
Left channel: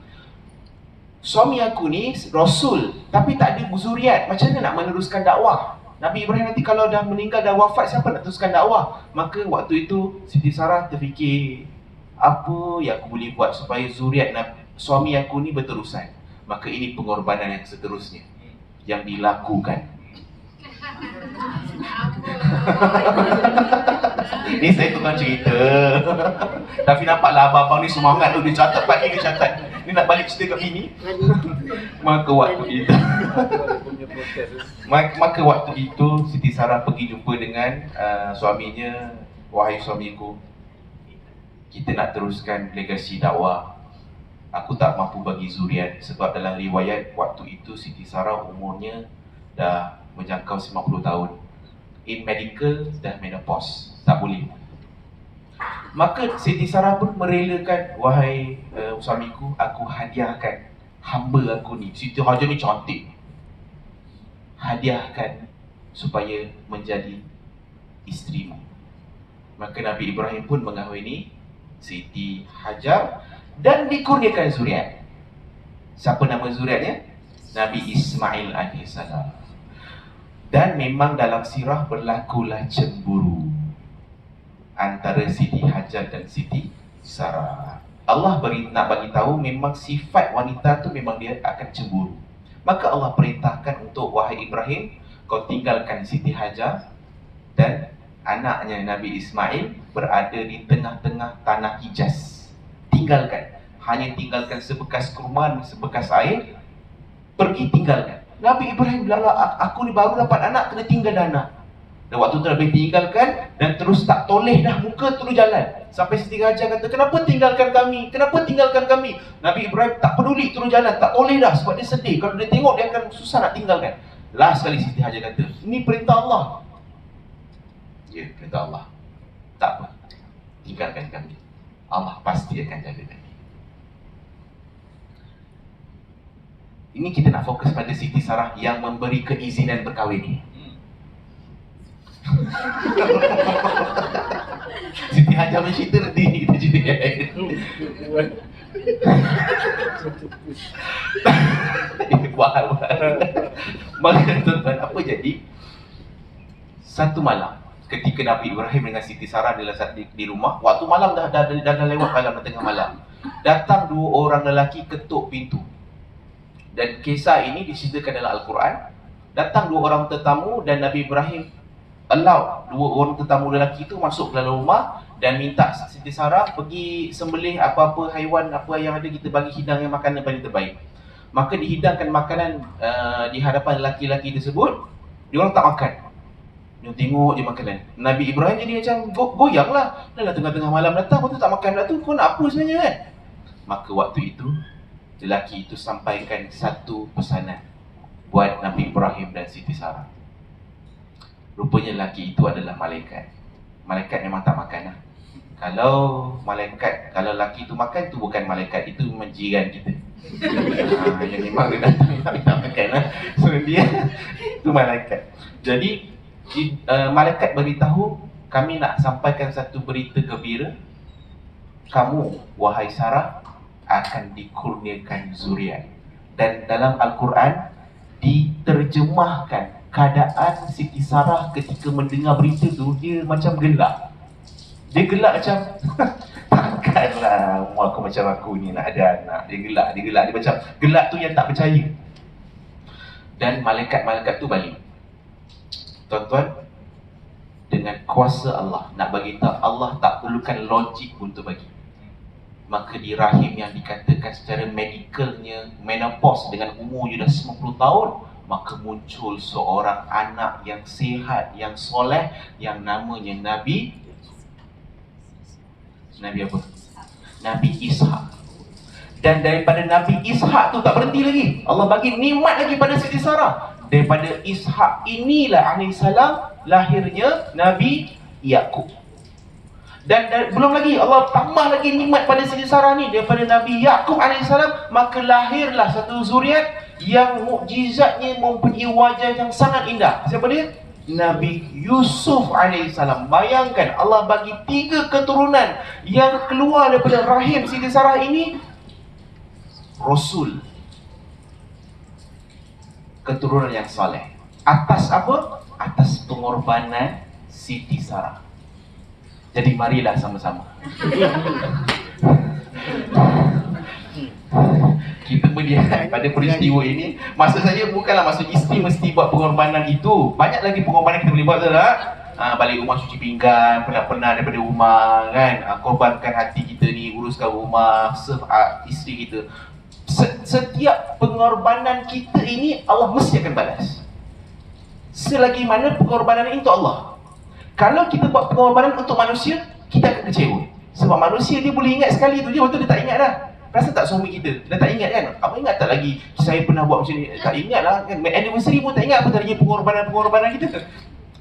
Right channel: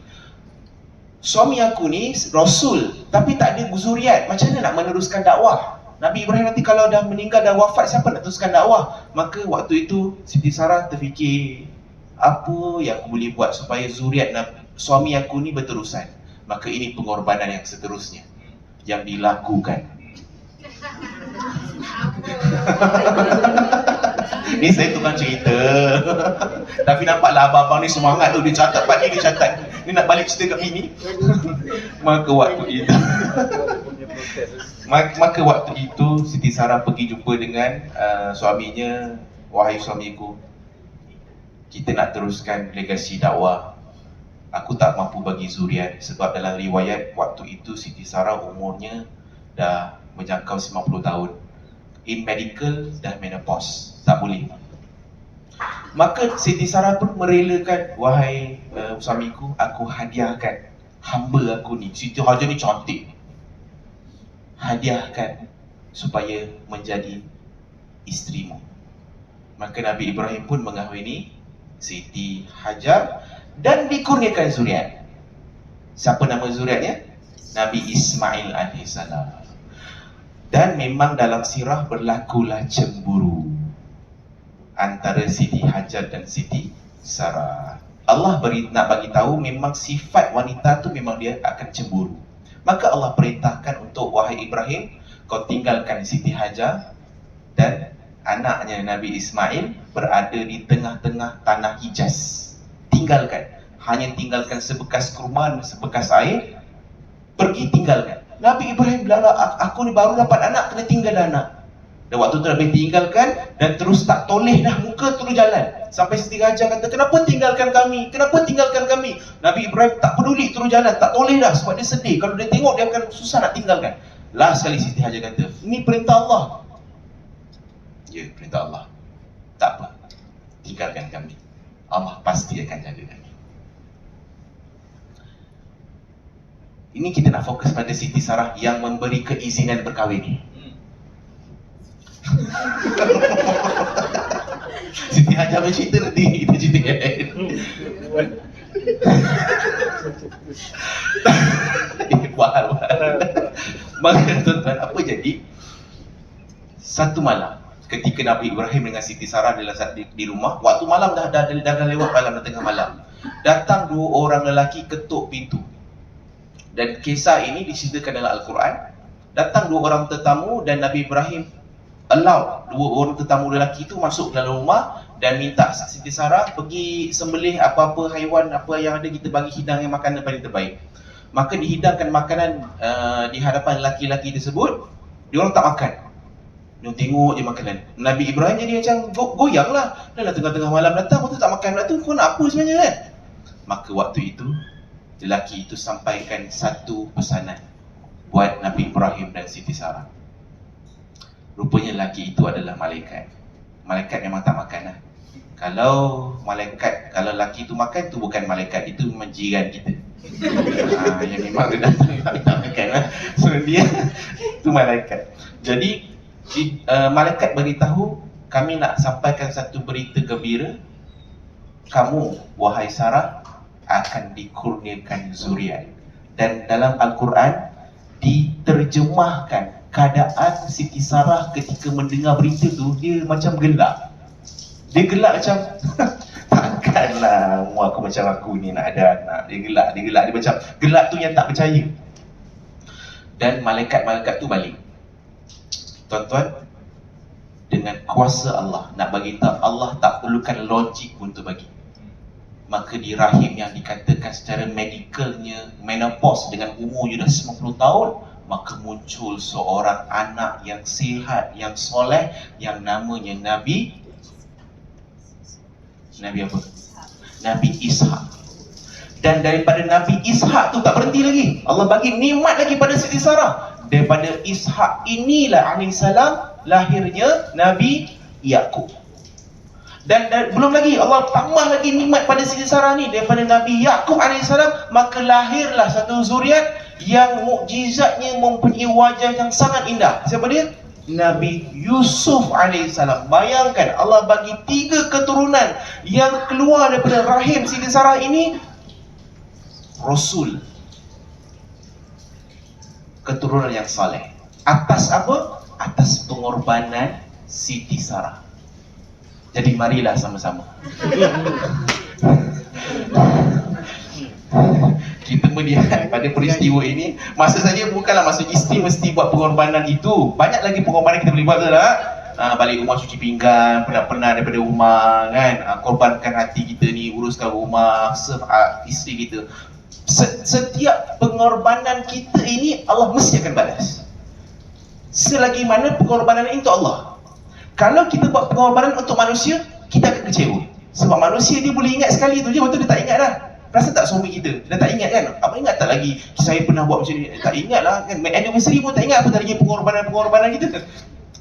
suami aku ni Rasul, tapi tak ada zuriat, macam mana nak meneruskan dakwah? Nabi Ibrahim nanti kalau dah meninggal, dah wafat, siapa nak teruskan dakwah? Maka waktu itu Siti Sarah terfikir, apa yang aku boleh buat supaya zuriat suami aku ni berterusan? Maka ini pengorbanan yang seterusnya yang dilakukan. Ini saya tukang cerita. Tapi nampaklah abang-abang ni semangat tu, dia catat pagi, dia catat. Ni nak balik cerita kat sini. Maka waktu itu Siti Sarah pergi jumpa dengan suaminya. Wahai suamiku, kita nak teruskan legasi dakwah. Aku tak mampu bagi zuriat, sebab dalam riwayat waktu itu Siti Sarah umurnya dah menjangkau 90 tahun. In medical dah menopause, tak boleh. Maka Siti Sarah pun merelakan, wahai suamiku, aku hadiahkan hamba aku ni, Siti Hajar ni cantik, hadiahkan supaya menjadi isterimu. Maka Nabi Ibrahim pun mengahwini Siti Hajar dan dikurniakan zuriat. Siapa nama zuriatnya? Nabi Ismail alaihissalam. Dan memang dalam sirah berlakulah cemburu antara Siti Hajar dan Siti Sarah. Allah nak bagi tahu memang sifat wanita tu memang dia akan cemburu. Maka Allah perintahkan untuk, wahai Ibrahim, kau tinggalkan Siti Hajar dan anaknya Nabi Ismail berada di tengah-tengah tanah Hijaz. Tinggalkan. Hanya tinggalkan sebekas kurma, sebekas air. Pergi tinggalkan. Nabi Ibrahim bilang, aku ni baru dapat anak, kena tinggal anak. Dan waktu tu Nabi tinggalkan dan terus tak toleh dah muka, terus jalan. Sampai Siti Hajar kata, kenapa tinggalkan kami? Kenapa tinggalkan kami? Nabi Ibrahim tak peduli, terus jalan, tak toleh dah sebab dia sedih. Kalau dia tengok, dia akan susah nak tinggalkan. Last sekali Siti Hajar kata, ini perintah Allah. Ya, perintah Allah. Tak apa, tinggalkan kami. Allah pasti akan jaga kami. Ini kita nak fokus pada Siti Sarah yang memberi keizinan berkahwin. Siti Hajar bercerita, nanti kita cerita yang lain. Bahal. Maka tuan-tuan, apa jadi? Satu malam ketika Nabi Ibrahim dengan Siti Sarah di rumah, waktu malam dah lewat malam, dah tengah malam, datang dua orang lelaki ketuk pintu. Dan kisah ini diceritakan dalam Al-Quran. Datang dua orang tetamu dan Nabi Ibrahim allow dua orang tetamu lelaki itu masuk ke dalam rumah dan minta Siti Sarah pergi sembelih apa-apa haiwan, apa yang ada, kita bagi hidang yang makanan paling terbaik. Maka dihidangkan makanan di hadapan lelaki-lelaki tersebut. Diorang tak makan. Nuh tengok je makanan. Nabi Ibrahim jadi macam goyang lah. Dalam tengah-tengah malam datang, kau tu tak makan pula tu, kau nak apa sebenarnya kan? Maka waktu itu, lelaki itu sampaikan satu pesanan buat Nabi Ibrahim dan Siti Sarah. Rupanya lelaki itu adalah malaikat. Malaikat memang tak makan lah. Kalau lelaki itu makan, tu bukan malaikat, itu memang jiran kita. Yang memang dia tak makan lah. So dia, itu malaikat. Jadi malaikat beritahu, kami nak sampaikan satu berita gembira. Kamu, wahai Sarah, akan dikurniakan zuriat. Dan dalam Al-Quran diterjemahkan keadaan Siti Sarah ketika mendengar berita tu, dia macam gelak. Dia gelak macam takkanlah umur aku macam aku ni nak ada anak. Dia gelak. Dia macam gelak tu yang tak percaya. Dan malaikat-malaikat tu balik. Tuan-tuan, dengan kuasa Allah, nak bagi tahu Allah tak perlukan logik untuk bagi. Maka di rahim yang dikatakan secara medikalnya menopause dengan umur je dah 90 tahun, maka muncul seorang anak yang sihat, yang soleh, yang namanya Nabi apa? Nabi Ishak. Dan daripada Nabi Ishak tu tak berhenti lagi. Allah bagi nikmat lagi pada Siti Sarah. Daripada Ishak inilah alaihissalam lahirnya Nabi Yaqub. Dan belum lagi, Allah tambah lagi nikmat pada Siti Sarah ni. Daripada Nabi Yaqub alaihissalam, maka lahirlah satu zuriat yang mukjizatnya mempunyai wajah yang sangat indah. Siapa dia? Nabi Yusuf alaihissalam. Bayangkan, Allah bagi 3 keturunan yang keluar daripada rahim Siti Sarah ini, Rasul, keturunan yang saleh. Atas apa? Atas pengorbanan Siti Sarah. Jadi marilah sama-sama kita melihat pada peristiwa ini. Masa saja bukanlah masa isteri mesti buat pengorbanan itu. Banyak lagi pengorbanan kita boleh buat, betul tak? Balik rumah cuci pinggan, penat-penat daripada rumah kan, korbankan hati kita ni, uruskan rumah, serve isteri kita. Setiap pengorbanan kita ini Allah mesti akan balas. Selagi mana pengorbanan ini untuk Allah. Kalau kita buat pengorbanan untuk manusia, kita akan kecewa. Sebab manusia dia boleh ingat sekali tu je, betul dia tak ingat dah. Rasa tak suami kita, dah tak ingat kan? Apa ingat tak lagi saya pernah buat macam ni? Tak ingat lah kan? Anniversary pun tak ingat apa lagi pengorbanan kita.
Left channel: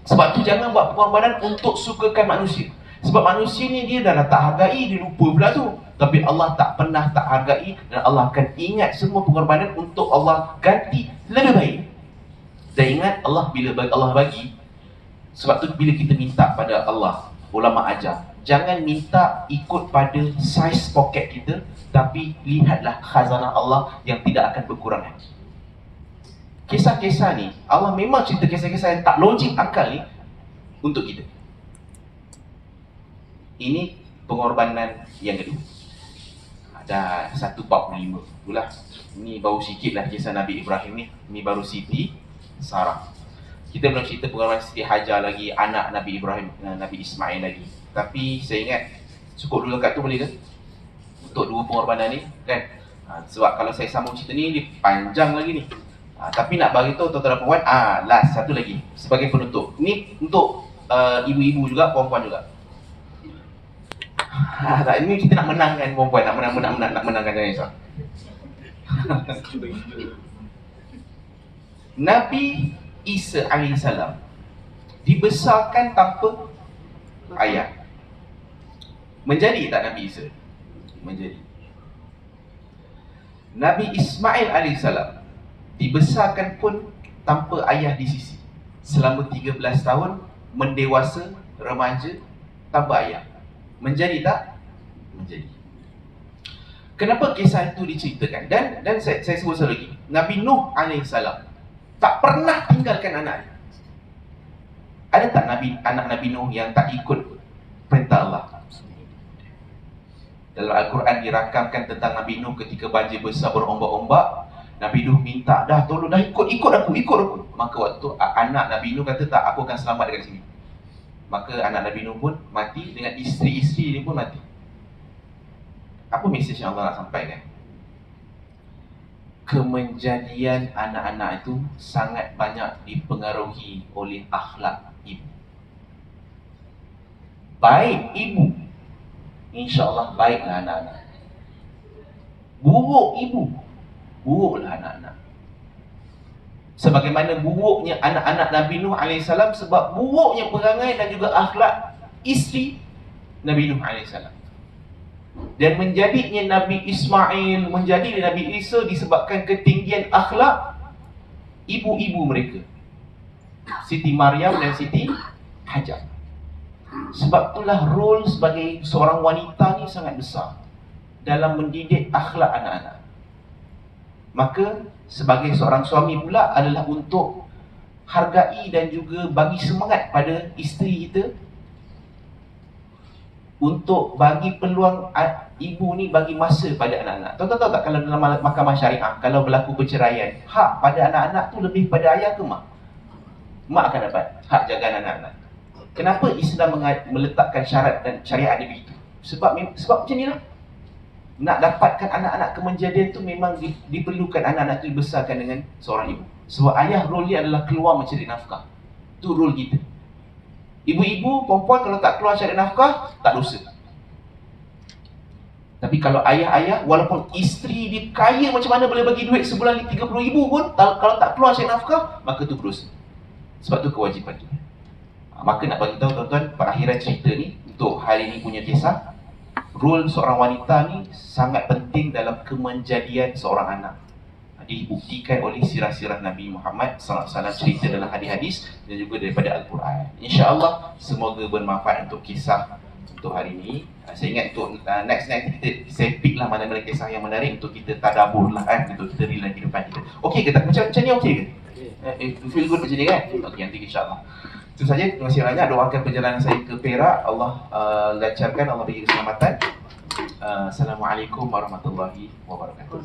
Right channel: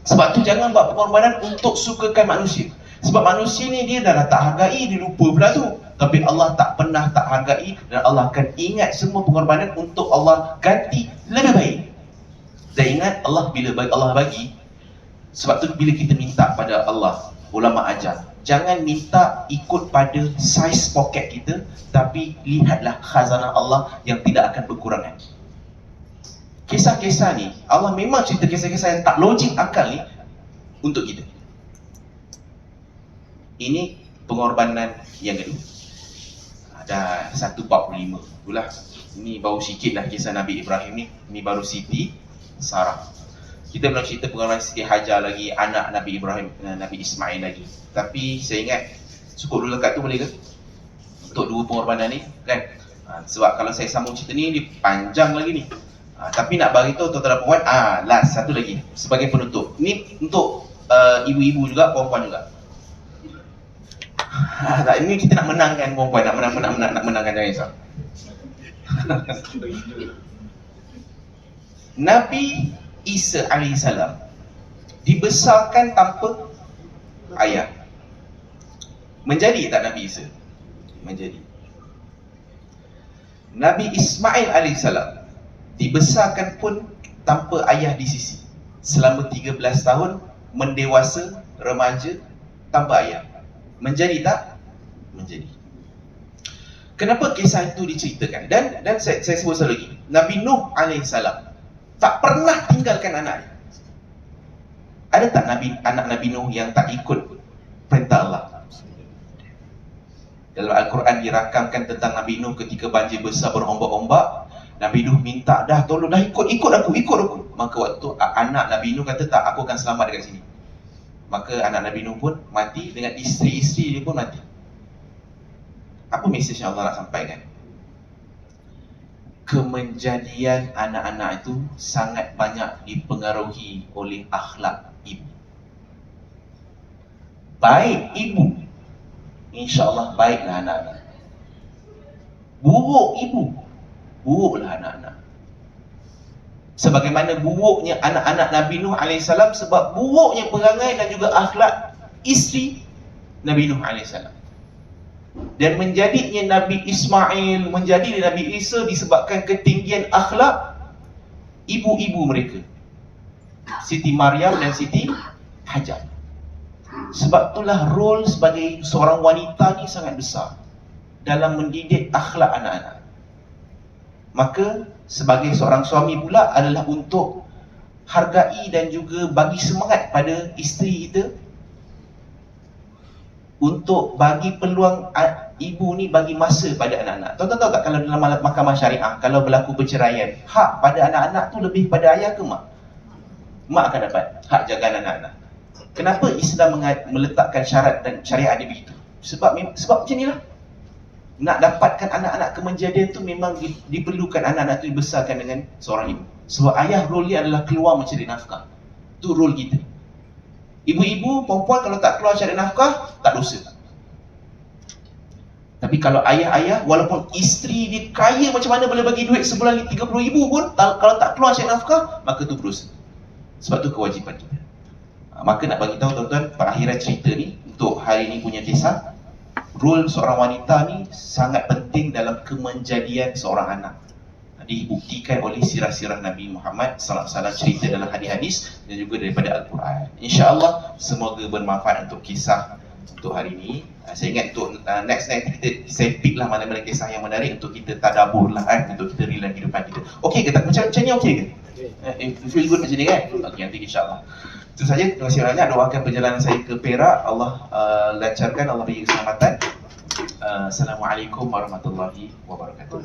Sebab tu jangan buat pengorbanan untuk sukakan manusia. Sebab manusia ni dia dah tak hargai, dia lupa pula tu. Tapi Allah tak pernah tak hargai, dan Allah akan ingat semua pengorbanan untuk Allah ganti lebih baik. Dan ingat, Allah bila Allah bagi, sebab tu bila kita minta pada Allah, ulama ajar, jangan minta ikut pada saiz poket kita, tapi lihatlah khazanah Allah yang tidak akan berkurangan. Kisah-kisah ni, Allah memang cerita kisah-kisah yang tak logik akal ni untuk kita. Ini pengorbanan yang kedua. Ada 145. Itulah. Ini baru sikit lah kisah Nabi Ibrahim ni. Ini baru Siti Sarah. Kita belum cerita pengorbanan Siti Hajar lagi, anak Nabi Ibrahim, Nabi Ismail lagi. Tapi saya ingat cukup dulu kat tu boleh ke? Untuk 2 pengorbanan ni kan? Sebab kalau saya sambung cerita ni, dia panjang lagi ni. Tapi nak bagi tahu tuan-tuan dan puan, last satu lagi sebagai penutup. Ni untuk ibu-ibu juga, perempuan juga. Tak, ini kita nak menangkan perempuan, nak menangkan, jangan risau. Nabi Isa alaihissalam dibesarkan tanpa ayah. Menjadi tak Nabi Isa? Menjadi. Nabi Ismail alaihissalam dibesarkan pun tanpa ayah di sisi. Selama 13 tahun mendewasa, remaja tanpa ayah. Menjadi tak? Menjadi. Kenapa kisah itu diceritakan? Dan saya sebut sekali lagi. Nabi Nuh alaihissalam tak pernah tinggalkan anaknya. Ada tak anak Nabi Nuh yang tak ikut perintah Allah? Dalam Al-Quran dirakamkan tentang Nabi Nuh ketika banjir besar berombak-ombak. Nabi Nuh minta, dah tolong, dah ikut aku. Maka waktu anak Nabi Nuh kata, tak, aku akan selamat dekat sini. Maka anak Nabi Nuh pun mati, dengan isteri-isteri dia pun mati. Apa mesej yang Allah nak sampaikan? Kemenjadian anak-anak itu sangat banyak dipengaruhi oleh akhlak ibu. Baik ibu, insya-Allah baiklah anak-anak. Buruk ibu, buruklah anak-anak. Sebagaimana buruknya anak-anak Nabi Nuh AS, sebab buruknya perangai dan juga akhlak isteri Nabi Nuh AS. Dan menjadinya Nabi Ismail, menjadi Nabi Isa disebabkan ketinggian akhlak ibu-ibu mereka, Siti Maryam dan Siti Hajar. Sebab itulah role sebagai seorang wanita ni sangat besar dalam mendidik akhlak anak-anak. Maka sebagai seorang suami pula adalah untuk hargai dan juga bagi semangat pada isteri kita, untuk bagi peluang ibu ni bagi masa pada anak-anak. Tahu tak kalau dalam mahkamah syariah, kalau berlaku perceraian, hak pada anak-anak tu lebih pada ayah ke mak? Mak akan dapat hak jagaan anak-anak. Kenapa Islam meletakkan syarat dan syariat dia begitu? Sebab macam inilah. Nak dapatkan anak-anak kemenjadian tu memang diperlukan anak-anak tu dibesarkan dengan seorang ibu. Sebab ayah role dia adalah keluar mencari nafkah. Tu role kita. Ibu-ibu, perempuan kalau tak keluar cari nafkah, tak dosa. Tapi kalau ayah-ayah, walaupun isteri dia kaya macam mana boleh bagi duit sebulan 30,000 pun, kalau tak keluar cari nafkah, maka tu berdosa. Sebab tu kewajipan kita. Maka nak bagi tahu tuan-tuan, perakhiran cerita ni untuk hari ni punya kisah, role seorang wanita ni sangat penting dalam kemenjadian seorang anak. Dibuktikan oleh sirah-sirah Nabi Muhammad SAW, cerita dalam hadis-hadis dan juga daripada Al-Quran. InsyaAllah semoga bermanfaat untuk kisah untuk hari ini. Saya ingat untuk next kita saya pick lah mana-mana kisah yang menarik untuk kita tadabbur lah untuk kita real dalam kehidupan kita. Okey ke tak? Macam ni okey ke? Feel good macam ni kan? Okey, nanti insyaAllah. Itu saja. Terima kasih banyak. Doakan perjalanan saya ke Perak, Allah lancarkan, Allah beri keselamatan. Assalamualaikum warahmatullahi wabarakatuh.